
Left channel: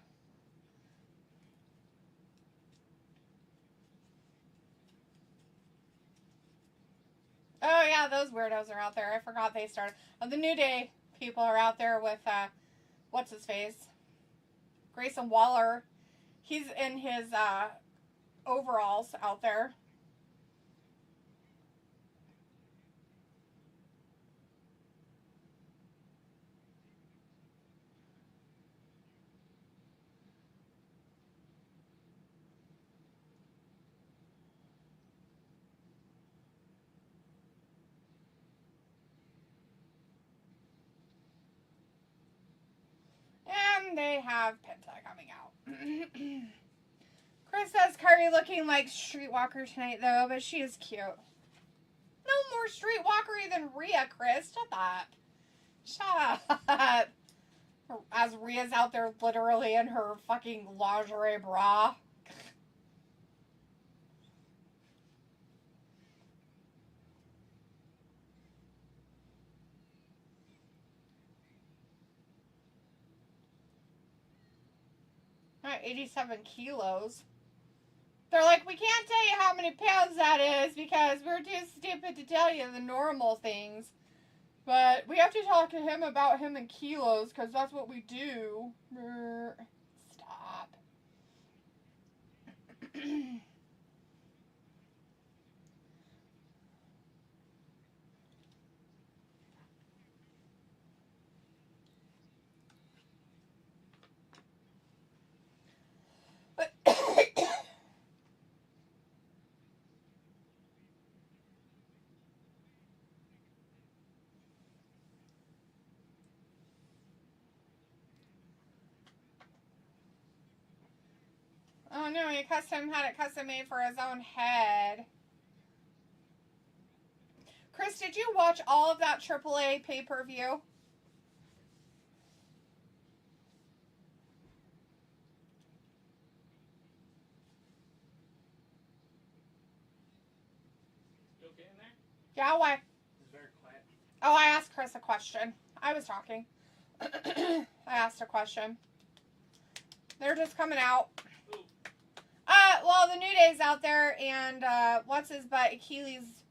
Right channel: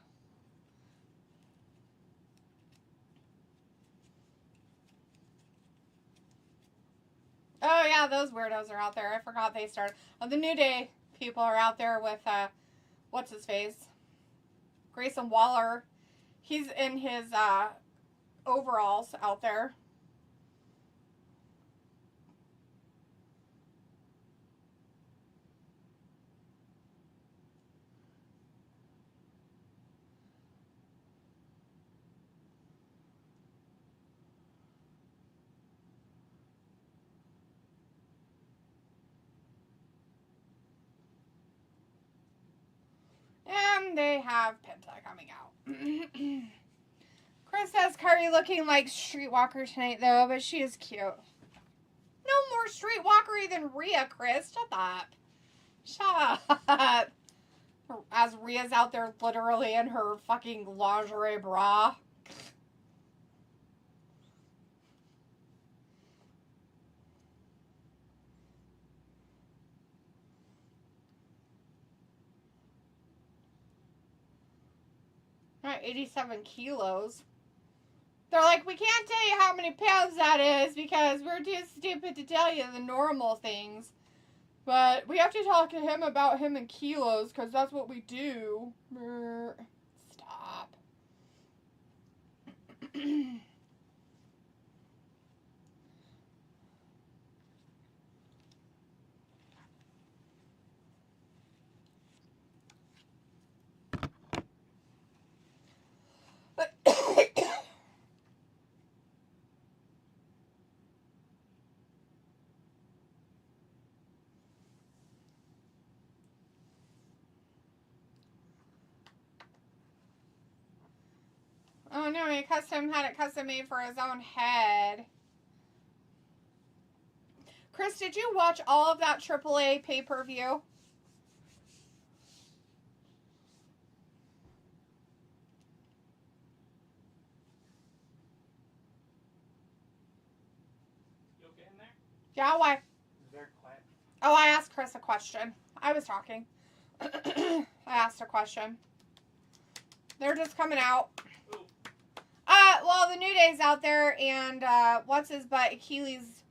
Oh yeah, those weirdos are out there. I forgot they started. Oh, the New Day people are out there with, what's his face? Grayson Waller. He's in his, overalls out there. And they have Penta coming out. Chris says Curry looking like Streetwalker tonight, though, but she is cute. No more Streetwalkery than Rhea, Chris. Shut up. As Rhea's out there literally in her fucking lingerie bra. Not 87 kilos. They're like, we can't tell you how many pounds that is because we're too stupid to tell you the normal things. But we have to talk to him about him in kilos because that's what we do. Stop. Oh no, he had it custom made for his own head. Chris, did you watch all of that AAA pay-per-view? You okay in there? Yeah, why? It's very quiet. Oh, I asked Chris a question. I was talking. I asked a question. They're just coming out. Well, the New Day's out there, and what's his butt? Achilles'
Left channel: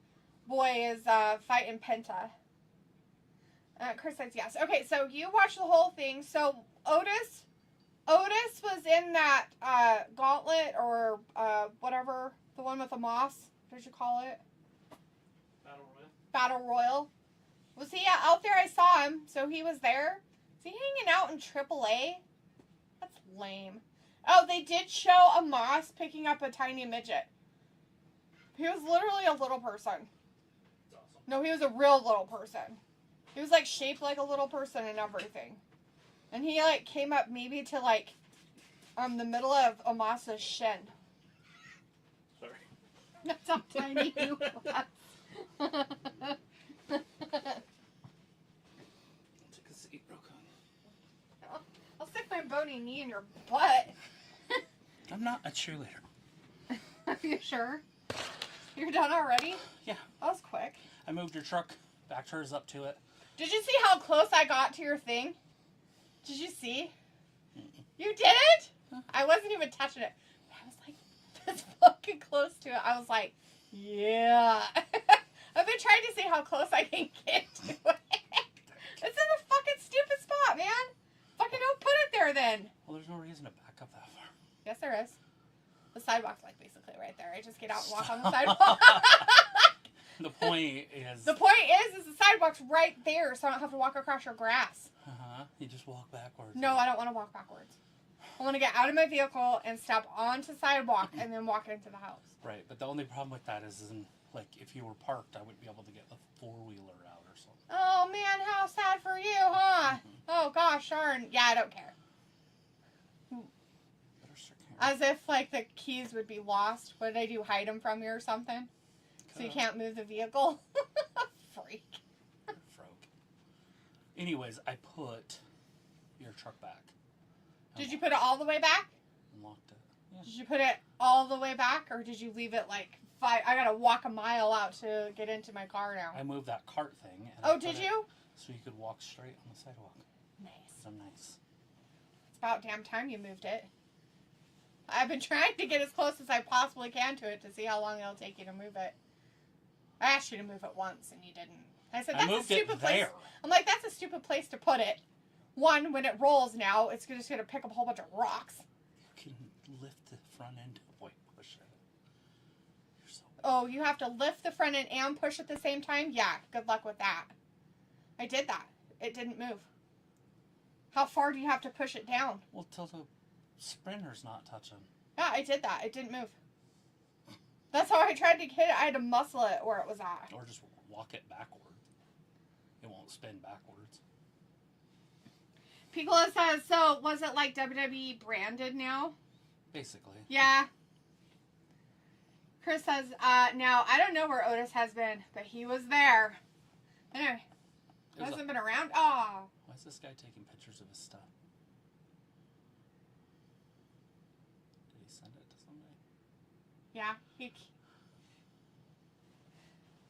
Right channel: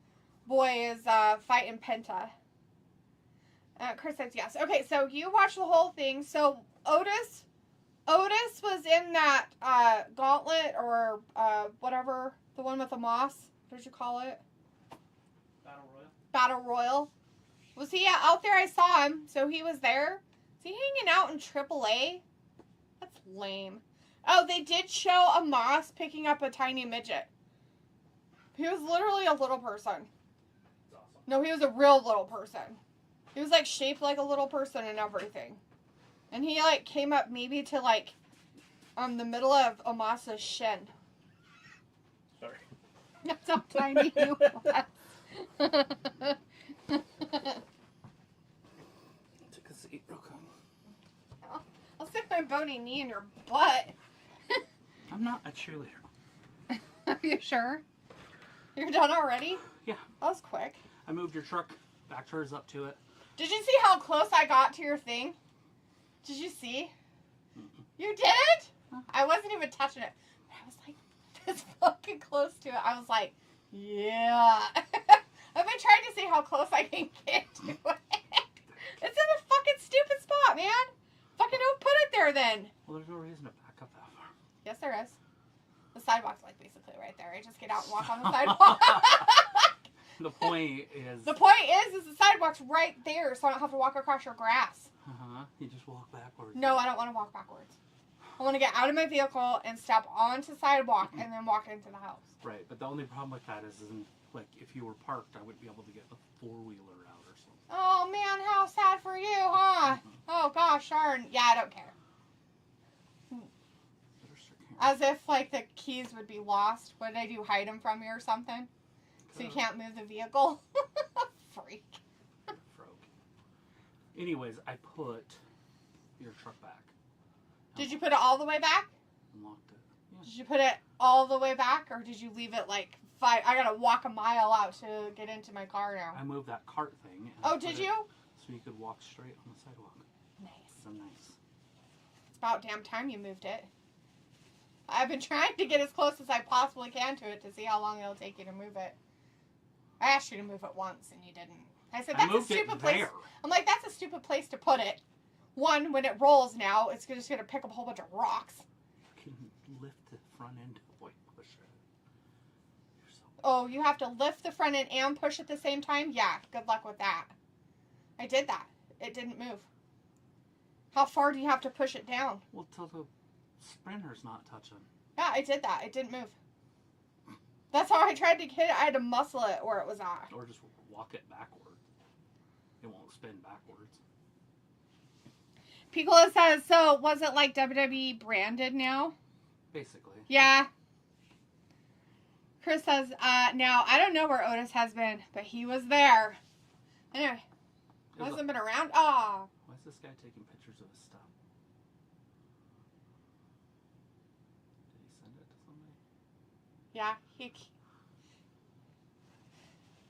boy is fighting Penta. Chris says yes. Okay, so you watched the whole thing. So Otis was in that gauntlet or whatever, the one with the moss. What did you call it? Battle Royal. Was he out there? I saw him. So he was there. Is he hanging out in AAA? That's lame. Oh, they did show a moss picking up a tiny midget. He was literally a little person. That's awesome. No, he was a real little person. He was like shaped like a little person and everything. And he, like, came up maybe to, like, the middle of Amasa's shin. Sorry. That's how tiny he was. Take a seat real quick. I'll stick my bony knee in your butt. I'm not a cheerleader. Are you sure? You're done already? Yeah. That was quick. I moved your truck back hers up to it. Did you see how close I got to your thing? Did you see? You didn't? I wasn't even touching it. I was like, this fucking close to it. I was like, yeah. I've been trying to see how close I can get to it. It's in a fucking stupid spot, man. Fucking don't put it there then. Well, there's no reason to back up that far. Yes, there is. The sidewalk's like basically right there. I just get out and walk on the sidewalk. The point is... The point is the sidewalk's right there, so I don't have to walk across your grass. Uh-huh. You just walk backwards. No, I don't want to walk backwards. I want to get out of my vehicle and step onto sidewalk and then walk into the house. Right, but the only problem with that is, like, if you were parked, I wouldn't be able to get the four-wheeler out or something. Oh, man, how sad for you, huh? Oh, gosh, darn. Yeah, I don't care. As if, like, the keys would be lost. What did I do, hide them from you or something? So you can't move the vehicle? Freak. Anyways, I put your truck back. Did you put it all the way back? Unlocked it. Yeah. Did you put it all the way back, or did you leave it, like, I gotta walk a mile out to get into my car now. I moved that cart thing. And Oh, did you? So you could walk straight on the sidewalk. Nice. So nice. It's about damn time you moved it. I've been trying to get as close as I possibly can to it to see how long it'll take you to move it. I asked you to move it once, and you didn't. I said, that's a stupid place. I'm like, that's a stupid place to put it. One, when it rolls now, it's just going to pick up a whole bunch of rocks. You can lift the front end. Boy, push it. You're so... Oh, you have to lift the front end and push at the same time? Yeah, good luck with that. I did that. It didn't move. How far do you have to push it down? Well, till the sprinter's not touching. Yeah, I did that. It didn't move. That's how I tried to get it. I had to muscle it where it was at. Or just walk it backward. It won't spin backwards. Piccolo says, so was it like WWE branded now? Basically. Yeah. Chris says, now, I don't know where Otis has been, but he was there. Anyway, hasn't been around. Aw. Why is this guy taking pictures of his stuff? Did he send it to somebody? Yeah.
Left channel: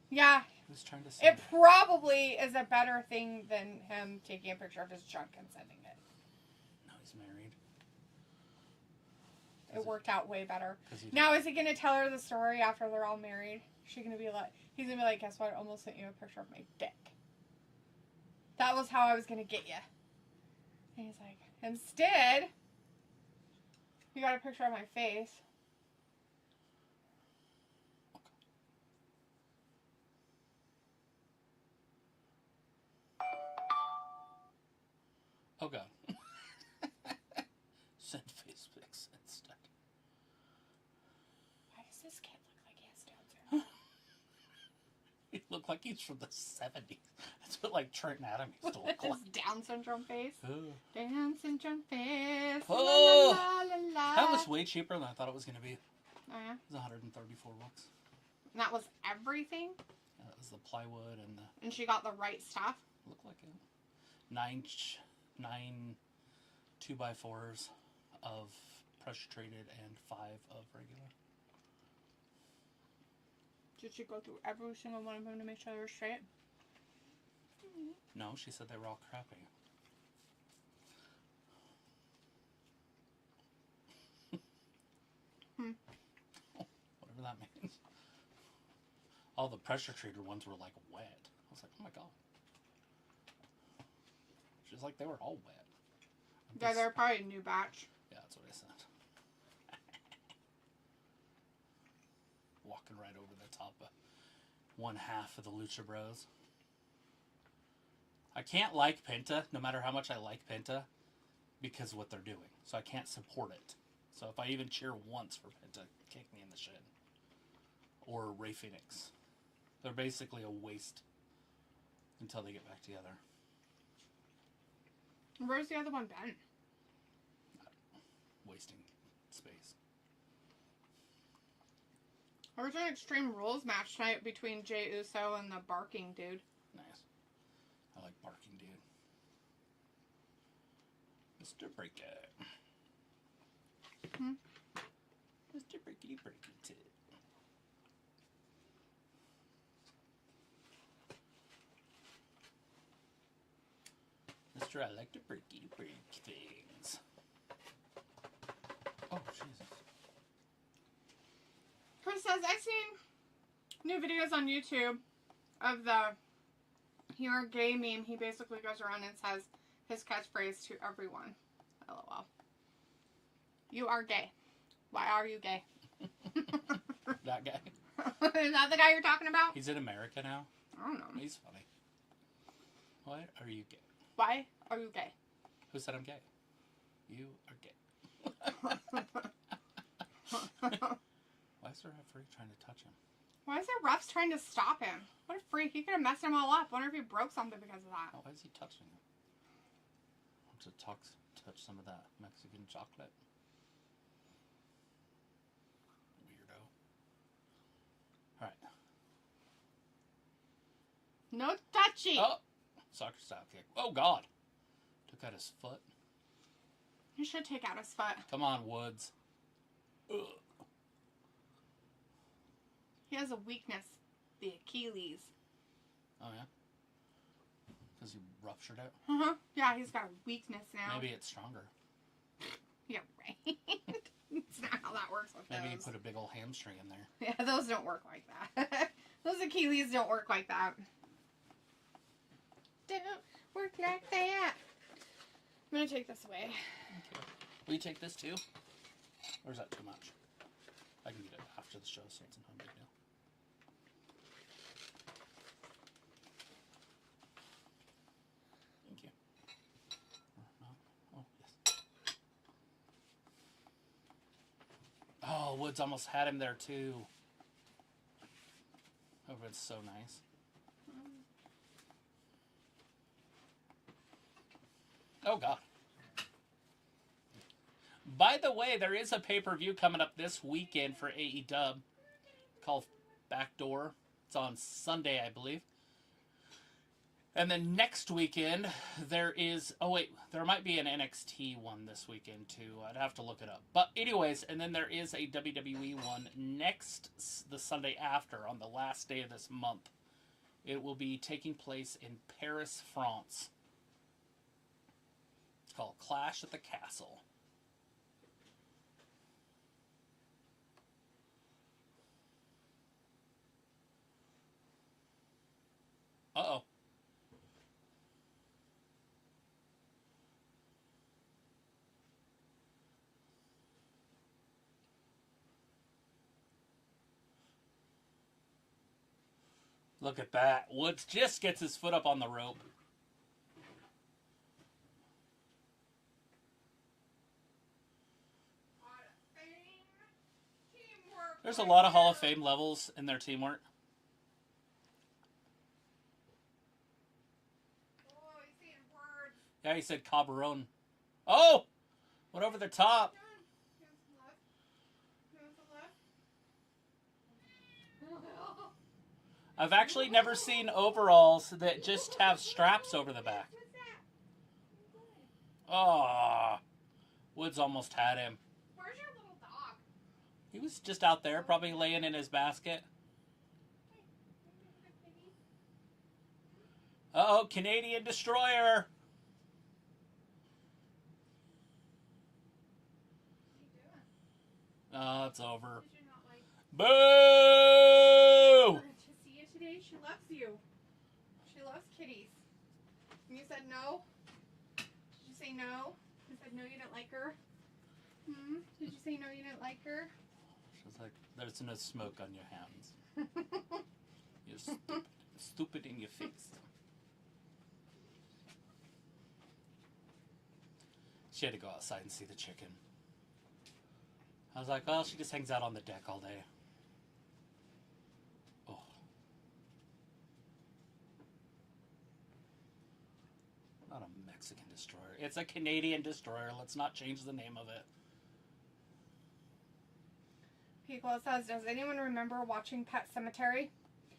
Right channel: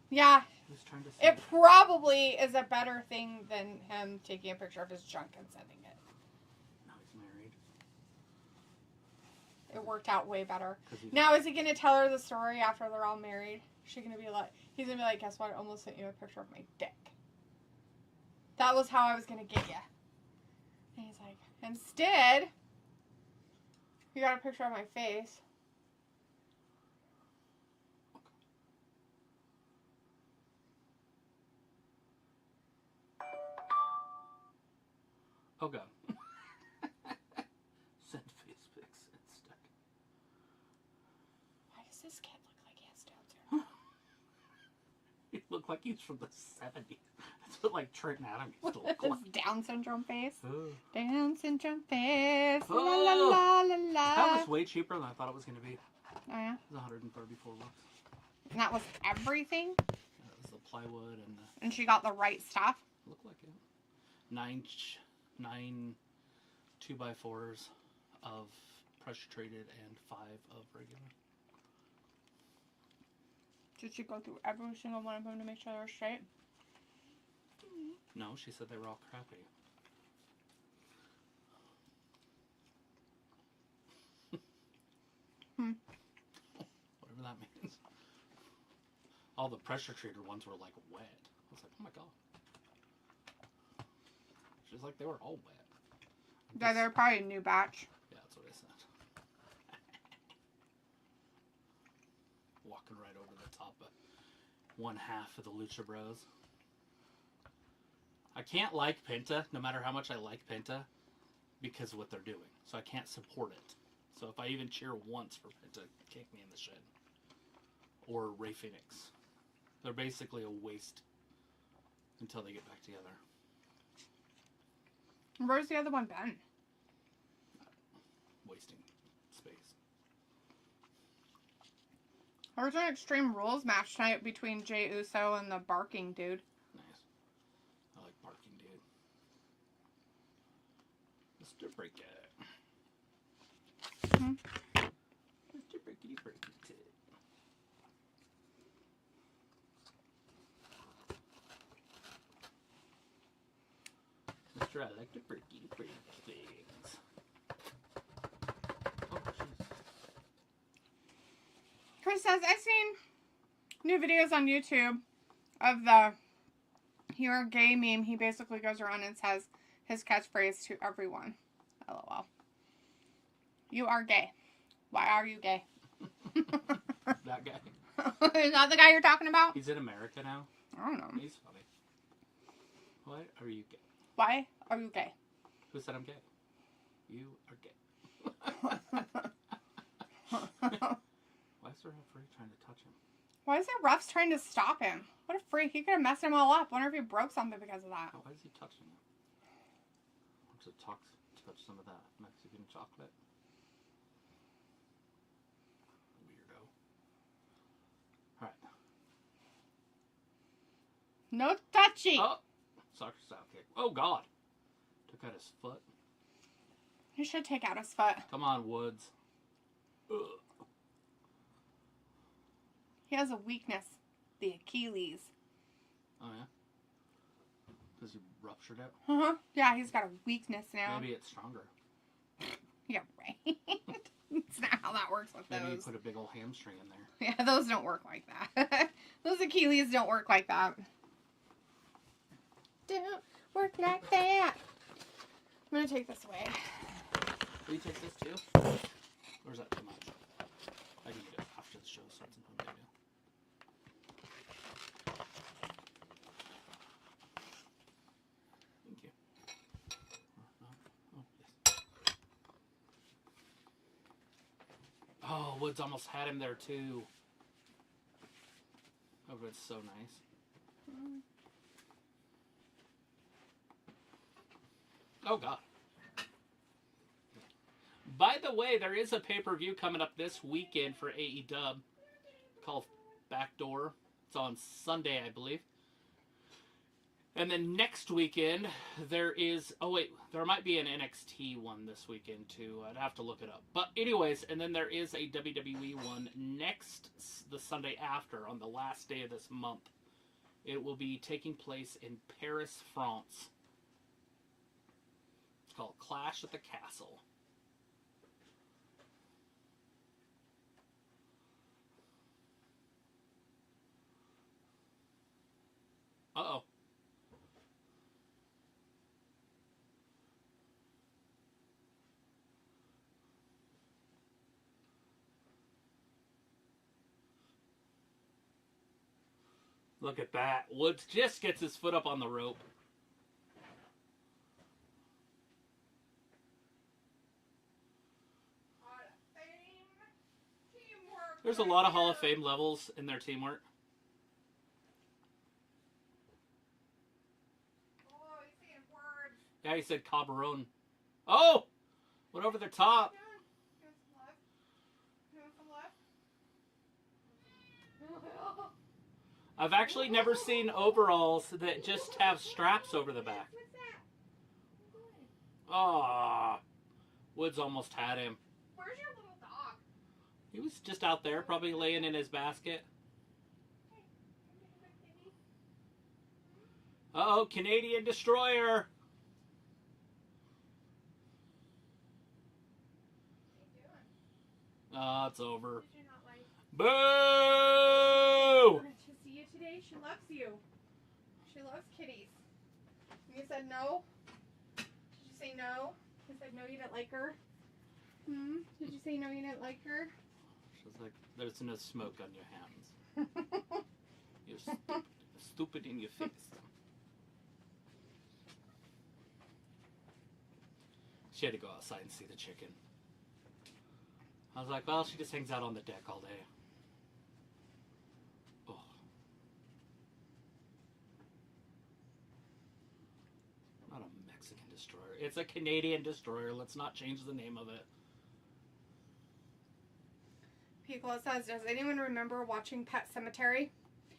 Yeah. He was trying to send It probably is a better thing than him taking a picture of his junk and sending it. No, he's married. It worked out way better. Now, Now, is he going to tell her the story after they're all married? Is she going to be like, he's going to be like, guess what? I almost sent you a picture of my dick. That was how I was going to get you. And he's like, instead, you got a picture of my face. Okay. Send face pics instead. Why does this kid look like he has Down syndrome? He looked like he's from the 70s. That's what, like, Trenton Adams used to look His like. Down syndrome face. Oh. Down syndrome face. Oh. La, la, la, la. That was way cheaper than I thought it was going to be. Oh, yeah? It was $134. And that was everything? That was the plywood and the... And she got the right stuff? Looked like it. Nine 2x4s of pressure treated and 5 of regular. Did she go through every single one of them to make sure they were straight? No, she said they were all crappy. Whatever that means. All the pressure treated ones were like wet. I was like, oh my god. She's like, they were all wet. Yeah, they're probably a new batch. Yeah, that's what I said. Walking right over the top of one half of the Lucha Bros. I can't like Penta, no matter how much I like Penta, because of what they're doing. So I can't support it. So if I even cheer once for Penta, kick me in the shin. Or Ray Phoenix. They're basically a waste until they get back together. Where's the other one been? Wasting space. There's an Extreme Rules match tonight between Jey Uso and the Barking Dude. Nice. I like Barking Dude. Mr. Break It. Mr. Breakity Breaky Tit. Mr. I like to breaky break things. Oh, jeez. Chris says, I've seen new videos on YouTube of the "You're gay" meme. He basically goes around and says his catchphrase to everyone. LOL. You are gay. Why are you gay? That guy. Is that the guy you're talking about? He's in America now. I don't know. He's funny. Why are you gay? Why are you gay? Who said I'm gay? You are gay. Why is the referee trying to touch him? Why is the refs trying to stop him? What a freak. He could have messed him all up. Wonder if he broke something because of that. Oh, why is he touching him? Want to touch some of that Mexican chocolate? Weirdo. Alright. No touchy. Oh! Soccer style kick. Oh, God. Took out his foot. He should take out his foot. Come on, Woods. Ugh. He has a weakness. The Achilles. Oh, yeah? Because he ruptured it? Uh-huh. Yeah, he's got a weakness now. Maybe it's stronger. Yeah, right. That's not how that works with Maybe those. you put a big old hamstring in there. Yeah, those don't work like that. Those Achilles don't work like that. Don't work like that. I'm going to take this away. Will you take this too? Or is that too much? I can get it after the show, so it's no big deal. Thank you. Oh, yes. Oh, Woods almost had him there too. Oh, but it's so nice. Oh, God. By the way, there is a pay-per-view coming up this weekend for AEW called Backdoor. It's on Sunday, I believe. And then next weekend, there is... Oh, wait. There might be an NXT one this weekend, too. I'd have to look it up. But anyways, and then there is a WWE one the Sunday after, on the last day of this month. It will be taking place in Paris, France. It's called Clash at the Castle. Uh-oh. Look at that. Woods just gets his foot up on the rope. There's a lot of Hall of Fame levels in their teamwork. Yeah, he said Cabaron. Oh! Went over the top. I've actually never seen overalls that just have straps over the back. Oh, Woods almost had him. Where's your little dog? He was just out there, probably laying in his basket. Uh-oh, Canadian Destroyer. Oh, it's over. Boo! To see you today, she loves you. She loves kitties. You said no? Did you say no? You said no, you didn't like her? Did you say no, you didn't like her? She's like, there's no smoke on your hands. You're stupid. Stupid in your face. She had to go outside and see the chicken. I was like, well, she just hangs out on the deck all day. Oh. Not a Mexican Destroyer. It's a Canadian destroyer. Let's not change the name of it. Pico says, does anyone remember watching Pet Cemetery?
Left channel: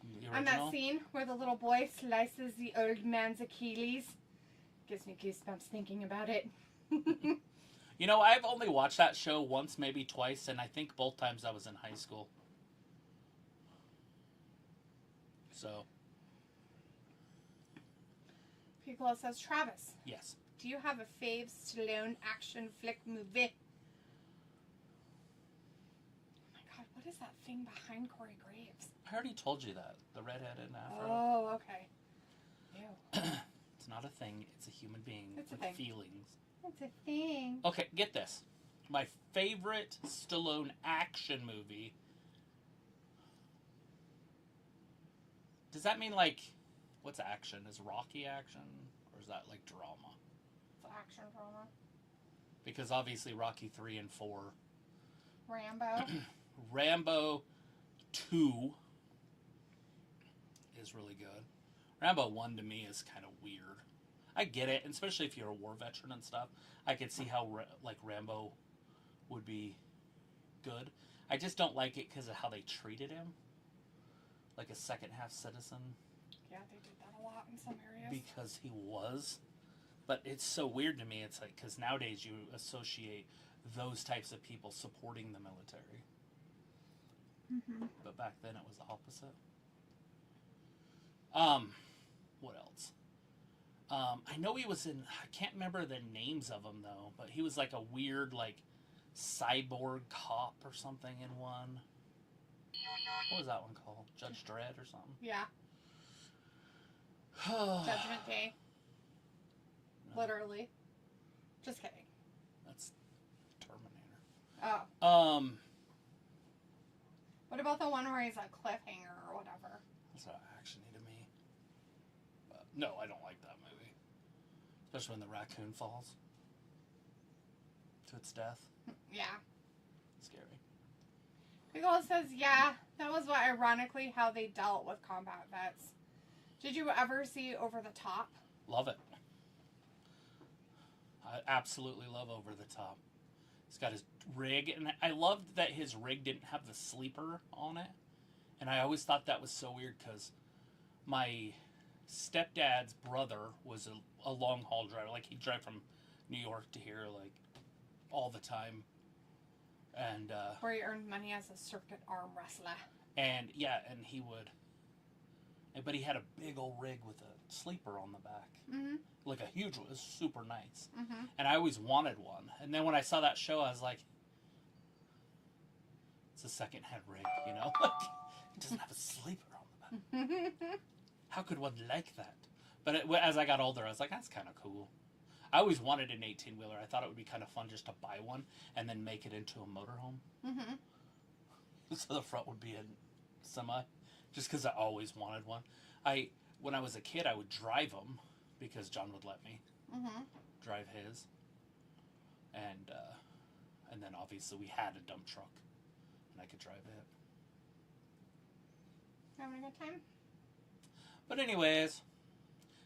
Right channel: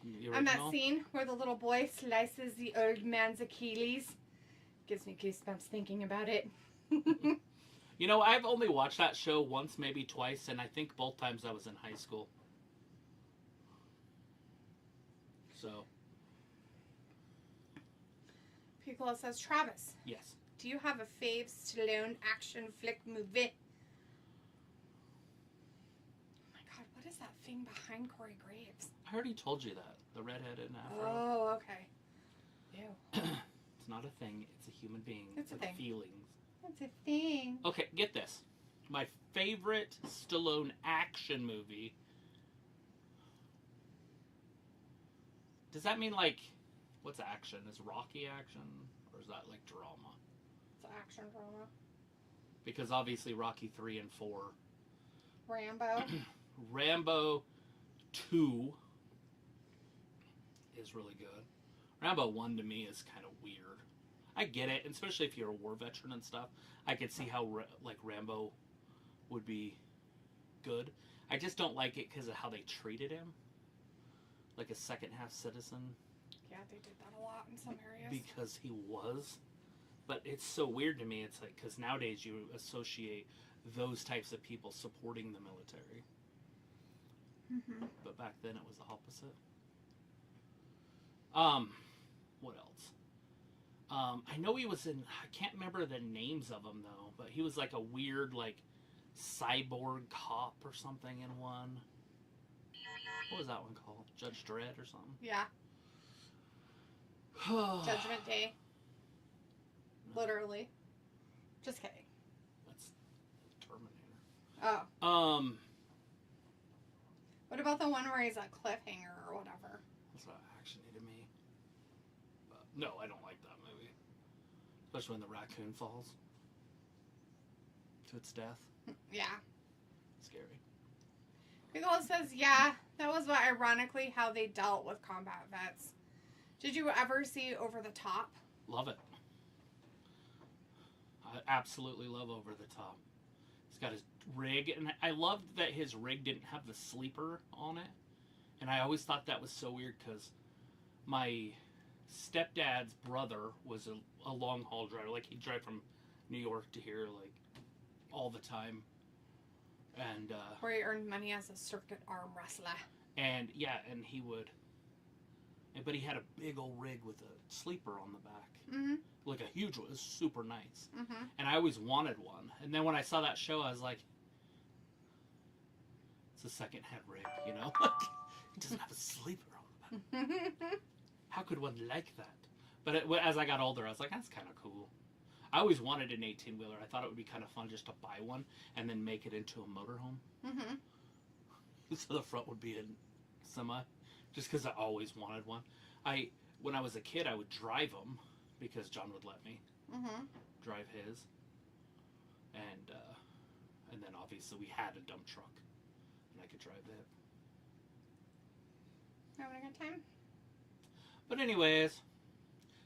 The And that original? scene where the little boy slices the old man's Achilles? Gives me goosebumps thinking about it. You know, I've only watched that show once, maybe twice, and I think both times I was in high school. So, Pico says, Travis, yes. do you have a fave Stallone action flick movie? Oh my god, what is that thing behind Corey Graves? I already told you that. The redheaded afro. Oh, okay. Ew. It's not a thing. It's a human being It's a with thing. feelings. That's a thing. Okay, get this. My favorite Stallone action movie. Does that mean, like, what's action? Is Rocky action? Or is that, like, drama? It's action drama. Because obviously Rocky 3 and 4. Rambo. Rambo 2 is really good. Rambo 1 to me is kind of weird. I get it, especially if you're a war veteran and stuff. I could see how, like, Rambo would be good. I just don't like it because of how they treated him. Like a second-half citizen. Yeah, they did that a lot in some areas. Because he was. But it's so weird to me. It's like, because nowadays you associate those types of people supporting the military. Mm-hmm. But back then it was the opposite. What else? I know he was in, I can't remember the names of them though, but he was like a weird, like, cyborg cop or something in one. What was that one called? Judge Dredd or something? Yeah. Judgment Day. No, Literally. Just kidding. that's Terminator. Oh. What about the one where he's a cliffhanger or whatever? That's not actiony to me. But no, I don't like that movie. Especially when the raccoon falls to its death. Yeah. Scary. Big Ol' says, yeah, that was what, ironically how they dealt with combat vets. Did you ever see Over the Top? Love it. I absolutely love Over the Top. He's got his rig, and I loved that his rig didn't have the sleeper on it. And I always thought that was so weird because my stepdad's brother was a long haul driver. Like, he'd drive from New York to here, like, all the time. And, Where he earned money as a circuit arm wrestler. and yeah, and he would, but he had a big old rig with a sleeper on the back. Mm-hmm. Like a huge one. It was super nice. Mm-hmm. And I always wanted one. And then when I saw that show, I was like, it's a second-hand rig, you know? It doesn't have a sleeper on the back. How could one like that? But as I got older, I was like, that's kind of cool. I always wanted an 18-wheeler. I thought it would be kind of fun just to buy one and then make it into a motorhome. Mm-hmm. So the front would be a semi. Just because I always wanted one. When I was a kid, I would drive them because John would let me drive his. And then obviously we had a dump truck. And I could drive it. Having a good time? But anyways,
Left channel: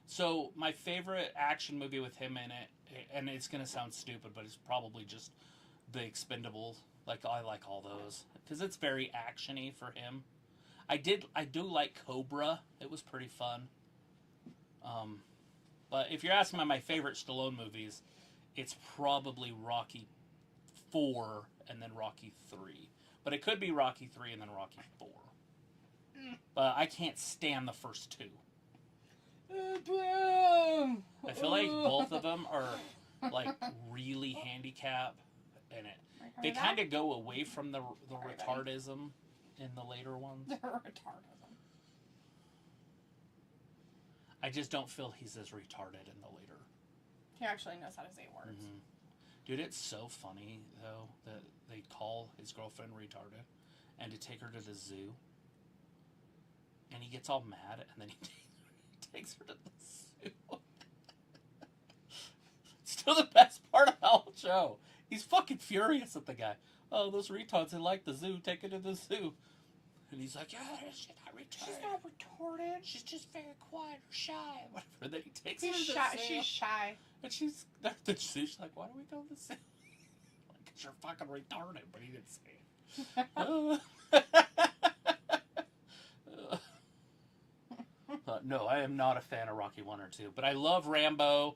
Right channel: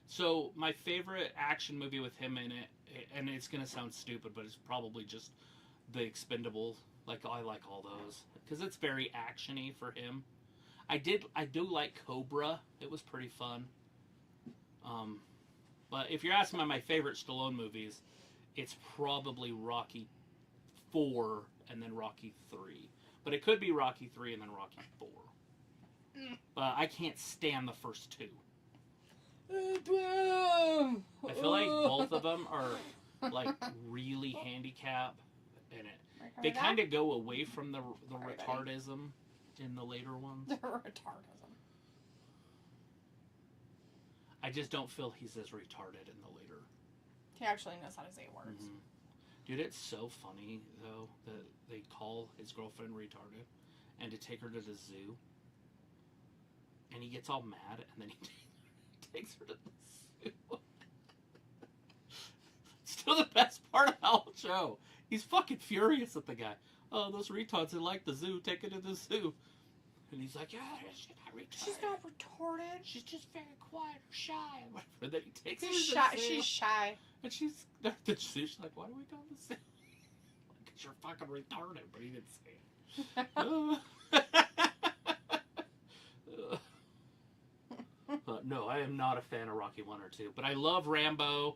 so my favorite action movie with him in it, and it's going to sound stupid, but it's probably just The Expendables. Like, I like all those. Because it's very action-y for him. I do like Cobra. It was pretty fun. But if you're asking me my favorite Stallone movies, it's probably Rocky 4 and then Rocky 3. But it could be Rocky 3 and then Rocky 4. But I can't stand the first two. I feel like both of them are like really handicapped in it. They kind of go away from the retardism in the later ones. The retardism. I just don't feel he's as retarded in the later. He actually knows how to say words. Mm-hmm. Dude, it's so funny though that they call his girlfriend retarded and to take her to the zoo. And he gets all mad, and then he takes her to the zoo. Still the best part of the whole show. He's fucking furious at the guy. Oh, those retards that like the zoo, take it to the zoo. And he's like, yeah, she's not retarded. She's not retarded. She's just very quiet or shy. Whatever. And then he takes her She's to shy. the sale. She's shy. And she's like, why do we go to the sale? Because you're fucking retarded. But he didn't say it. But no, I am not a fan of Rocky 1 or 2. But I love Rambo-ish.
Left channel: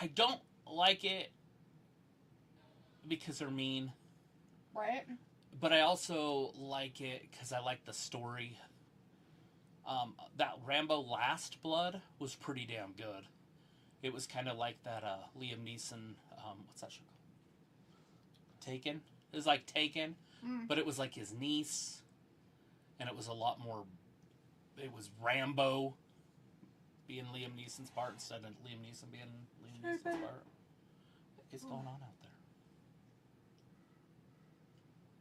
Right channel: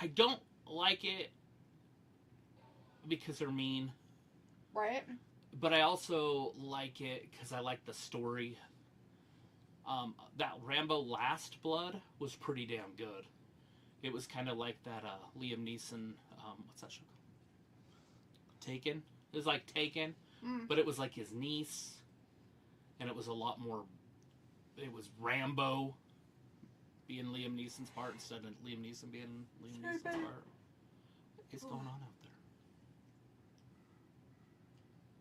I don't like it because they're mean. Right? But I also like it because I like the story. That Rambo Last Blood was pretty damn good. It was kind of like that Liam Neeson, what's that show called? Taken? It was like Taken, but it was like his niece. And it was a lot more, it was Rambo being Liam Neeson's part instead of Liam Neeson being Liam Neeson's part. What's going on out there?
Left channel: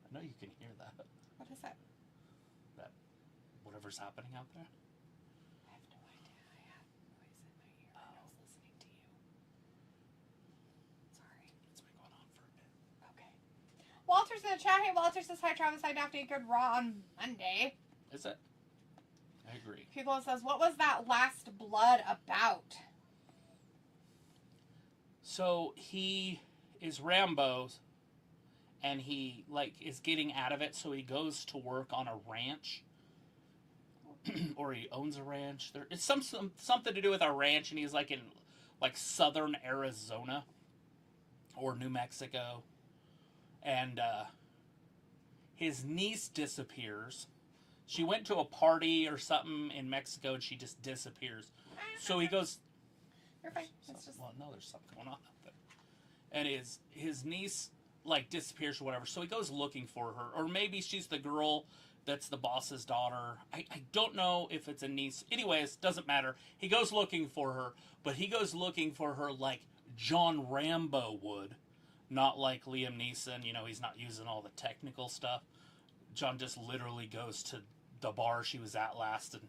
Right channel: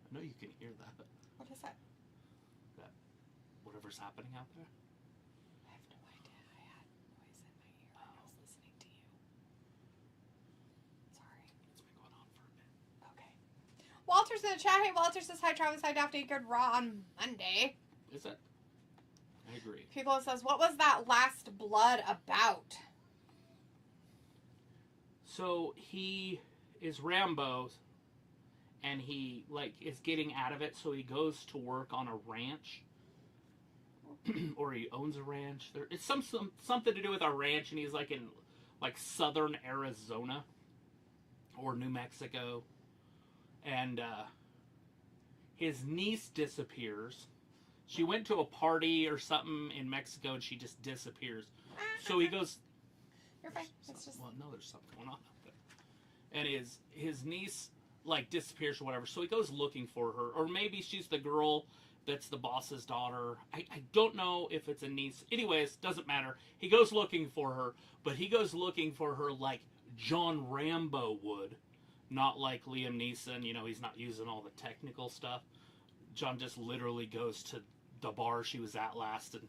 I know you can hear that. What is that? That whatever's happening out there. I have no idea. I had noise in my ear when I was listening to you. Sorry. It's been going on for a bit. Okay. Walter's in the chat. Hey, Walter says, hi, Travis. I'd have to eat good raw on Monday. Is it? I agree. People says, what was that Last Blood about? So he is Rambo, and he is getting out of it. So he goes to work on a ranch, or he owns a ranch. It's something to do with a ranch, and he's like in southern Arizona or New Mexico, and his niece disappears. She went to a party or something in Mexico, and she just disappears. So he goes. You're fine. It's just... Well, no, there's something going on out there. And his niece disappears or whatever. So he goes looking for her, or maybe she's the girl that's the boss's daughter. I don't know if it's a niece. Anyways, doesn't matter. He goes looking for her, but he goes looking for her like John Rambo would, not like Liam Neeson. You know, he's not using all the technical stuff. John just literally goes to the bar she was at last and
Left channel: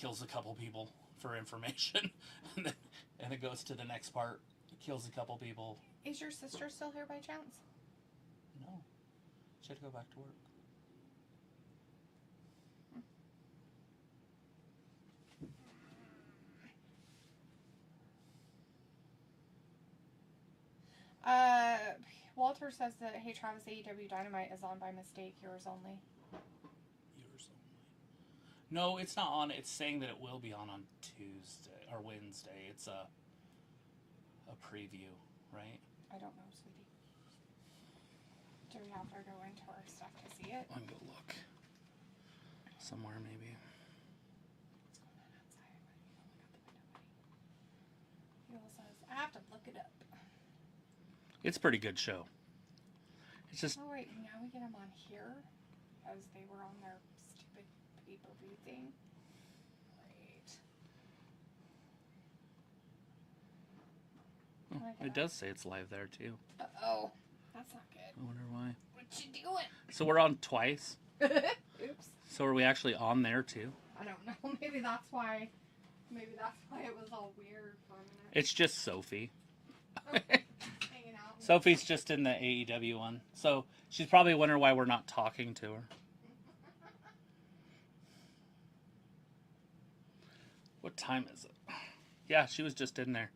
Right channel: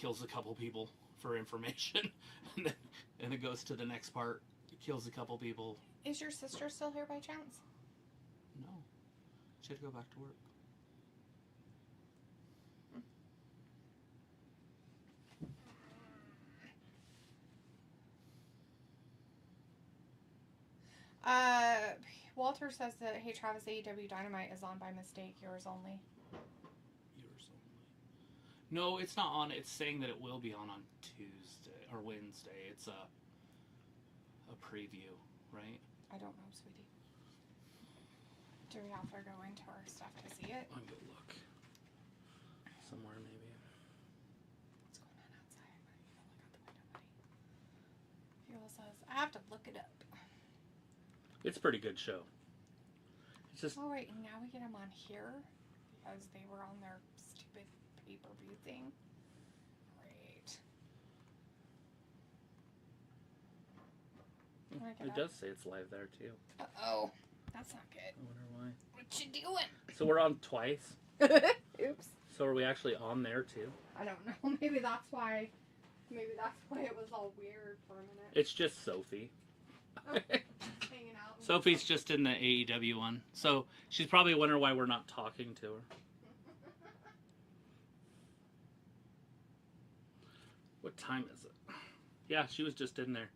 kills a couple people for information, and then it goes to the next part. It kills a couple people. Is your sister still here by chance? No, she had to go back to work. Walter says that, hey Travis, AEW Dynamite is on by mistake. Yours only. Yours only. No, it's not on. It's saying that it will be on Tuesday or Wednesday. It's a preview, right? I don't know, sweetie. Do we have to go into our stuff to see it? I'm gonna look somewhere maybe. What's going on outside? Oh my god, the window, buddy. Fuel says, I have to look it up. It's a pretty good show. It's just. Oh, wait, and now we get them on here because they were on their stupid pay-per-view thing. Great. Oh, it does say it's live there too. Uh-oh. That's not good. I wonder why. What you doing? So we're on twice. Oops. So are we actually on there too? I don't know. Maybe that's why it was all weird for a minute. It's just Sophie. Hanging out. Sophie's just in the AEW one. So she's probably wondering why we're not talking to her. What time is it? Yeah, she was just in there.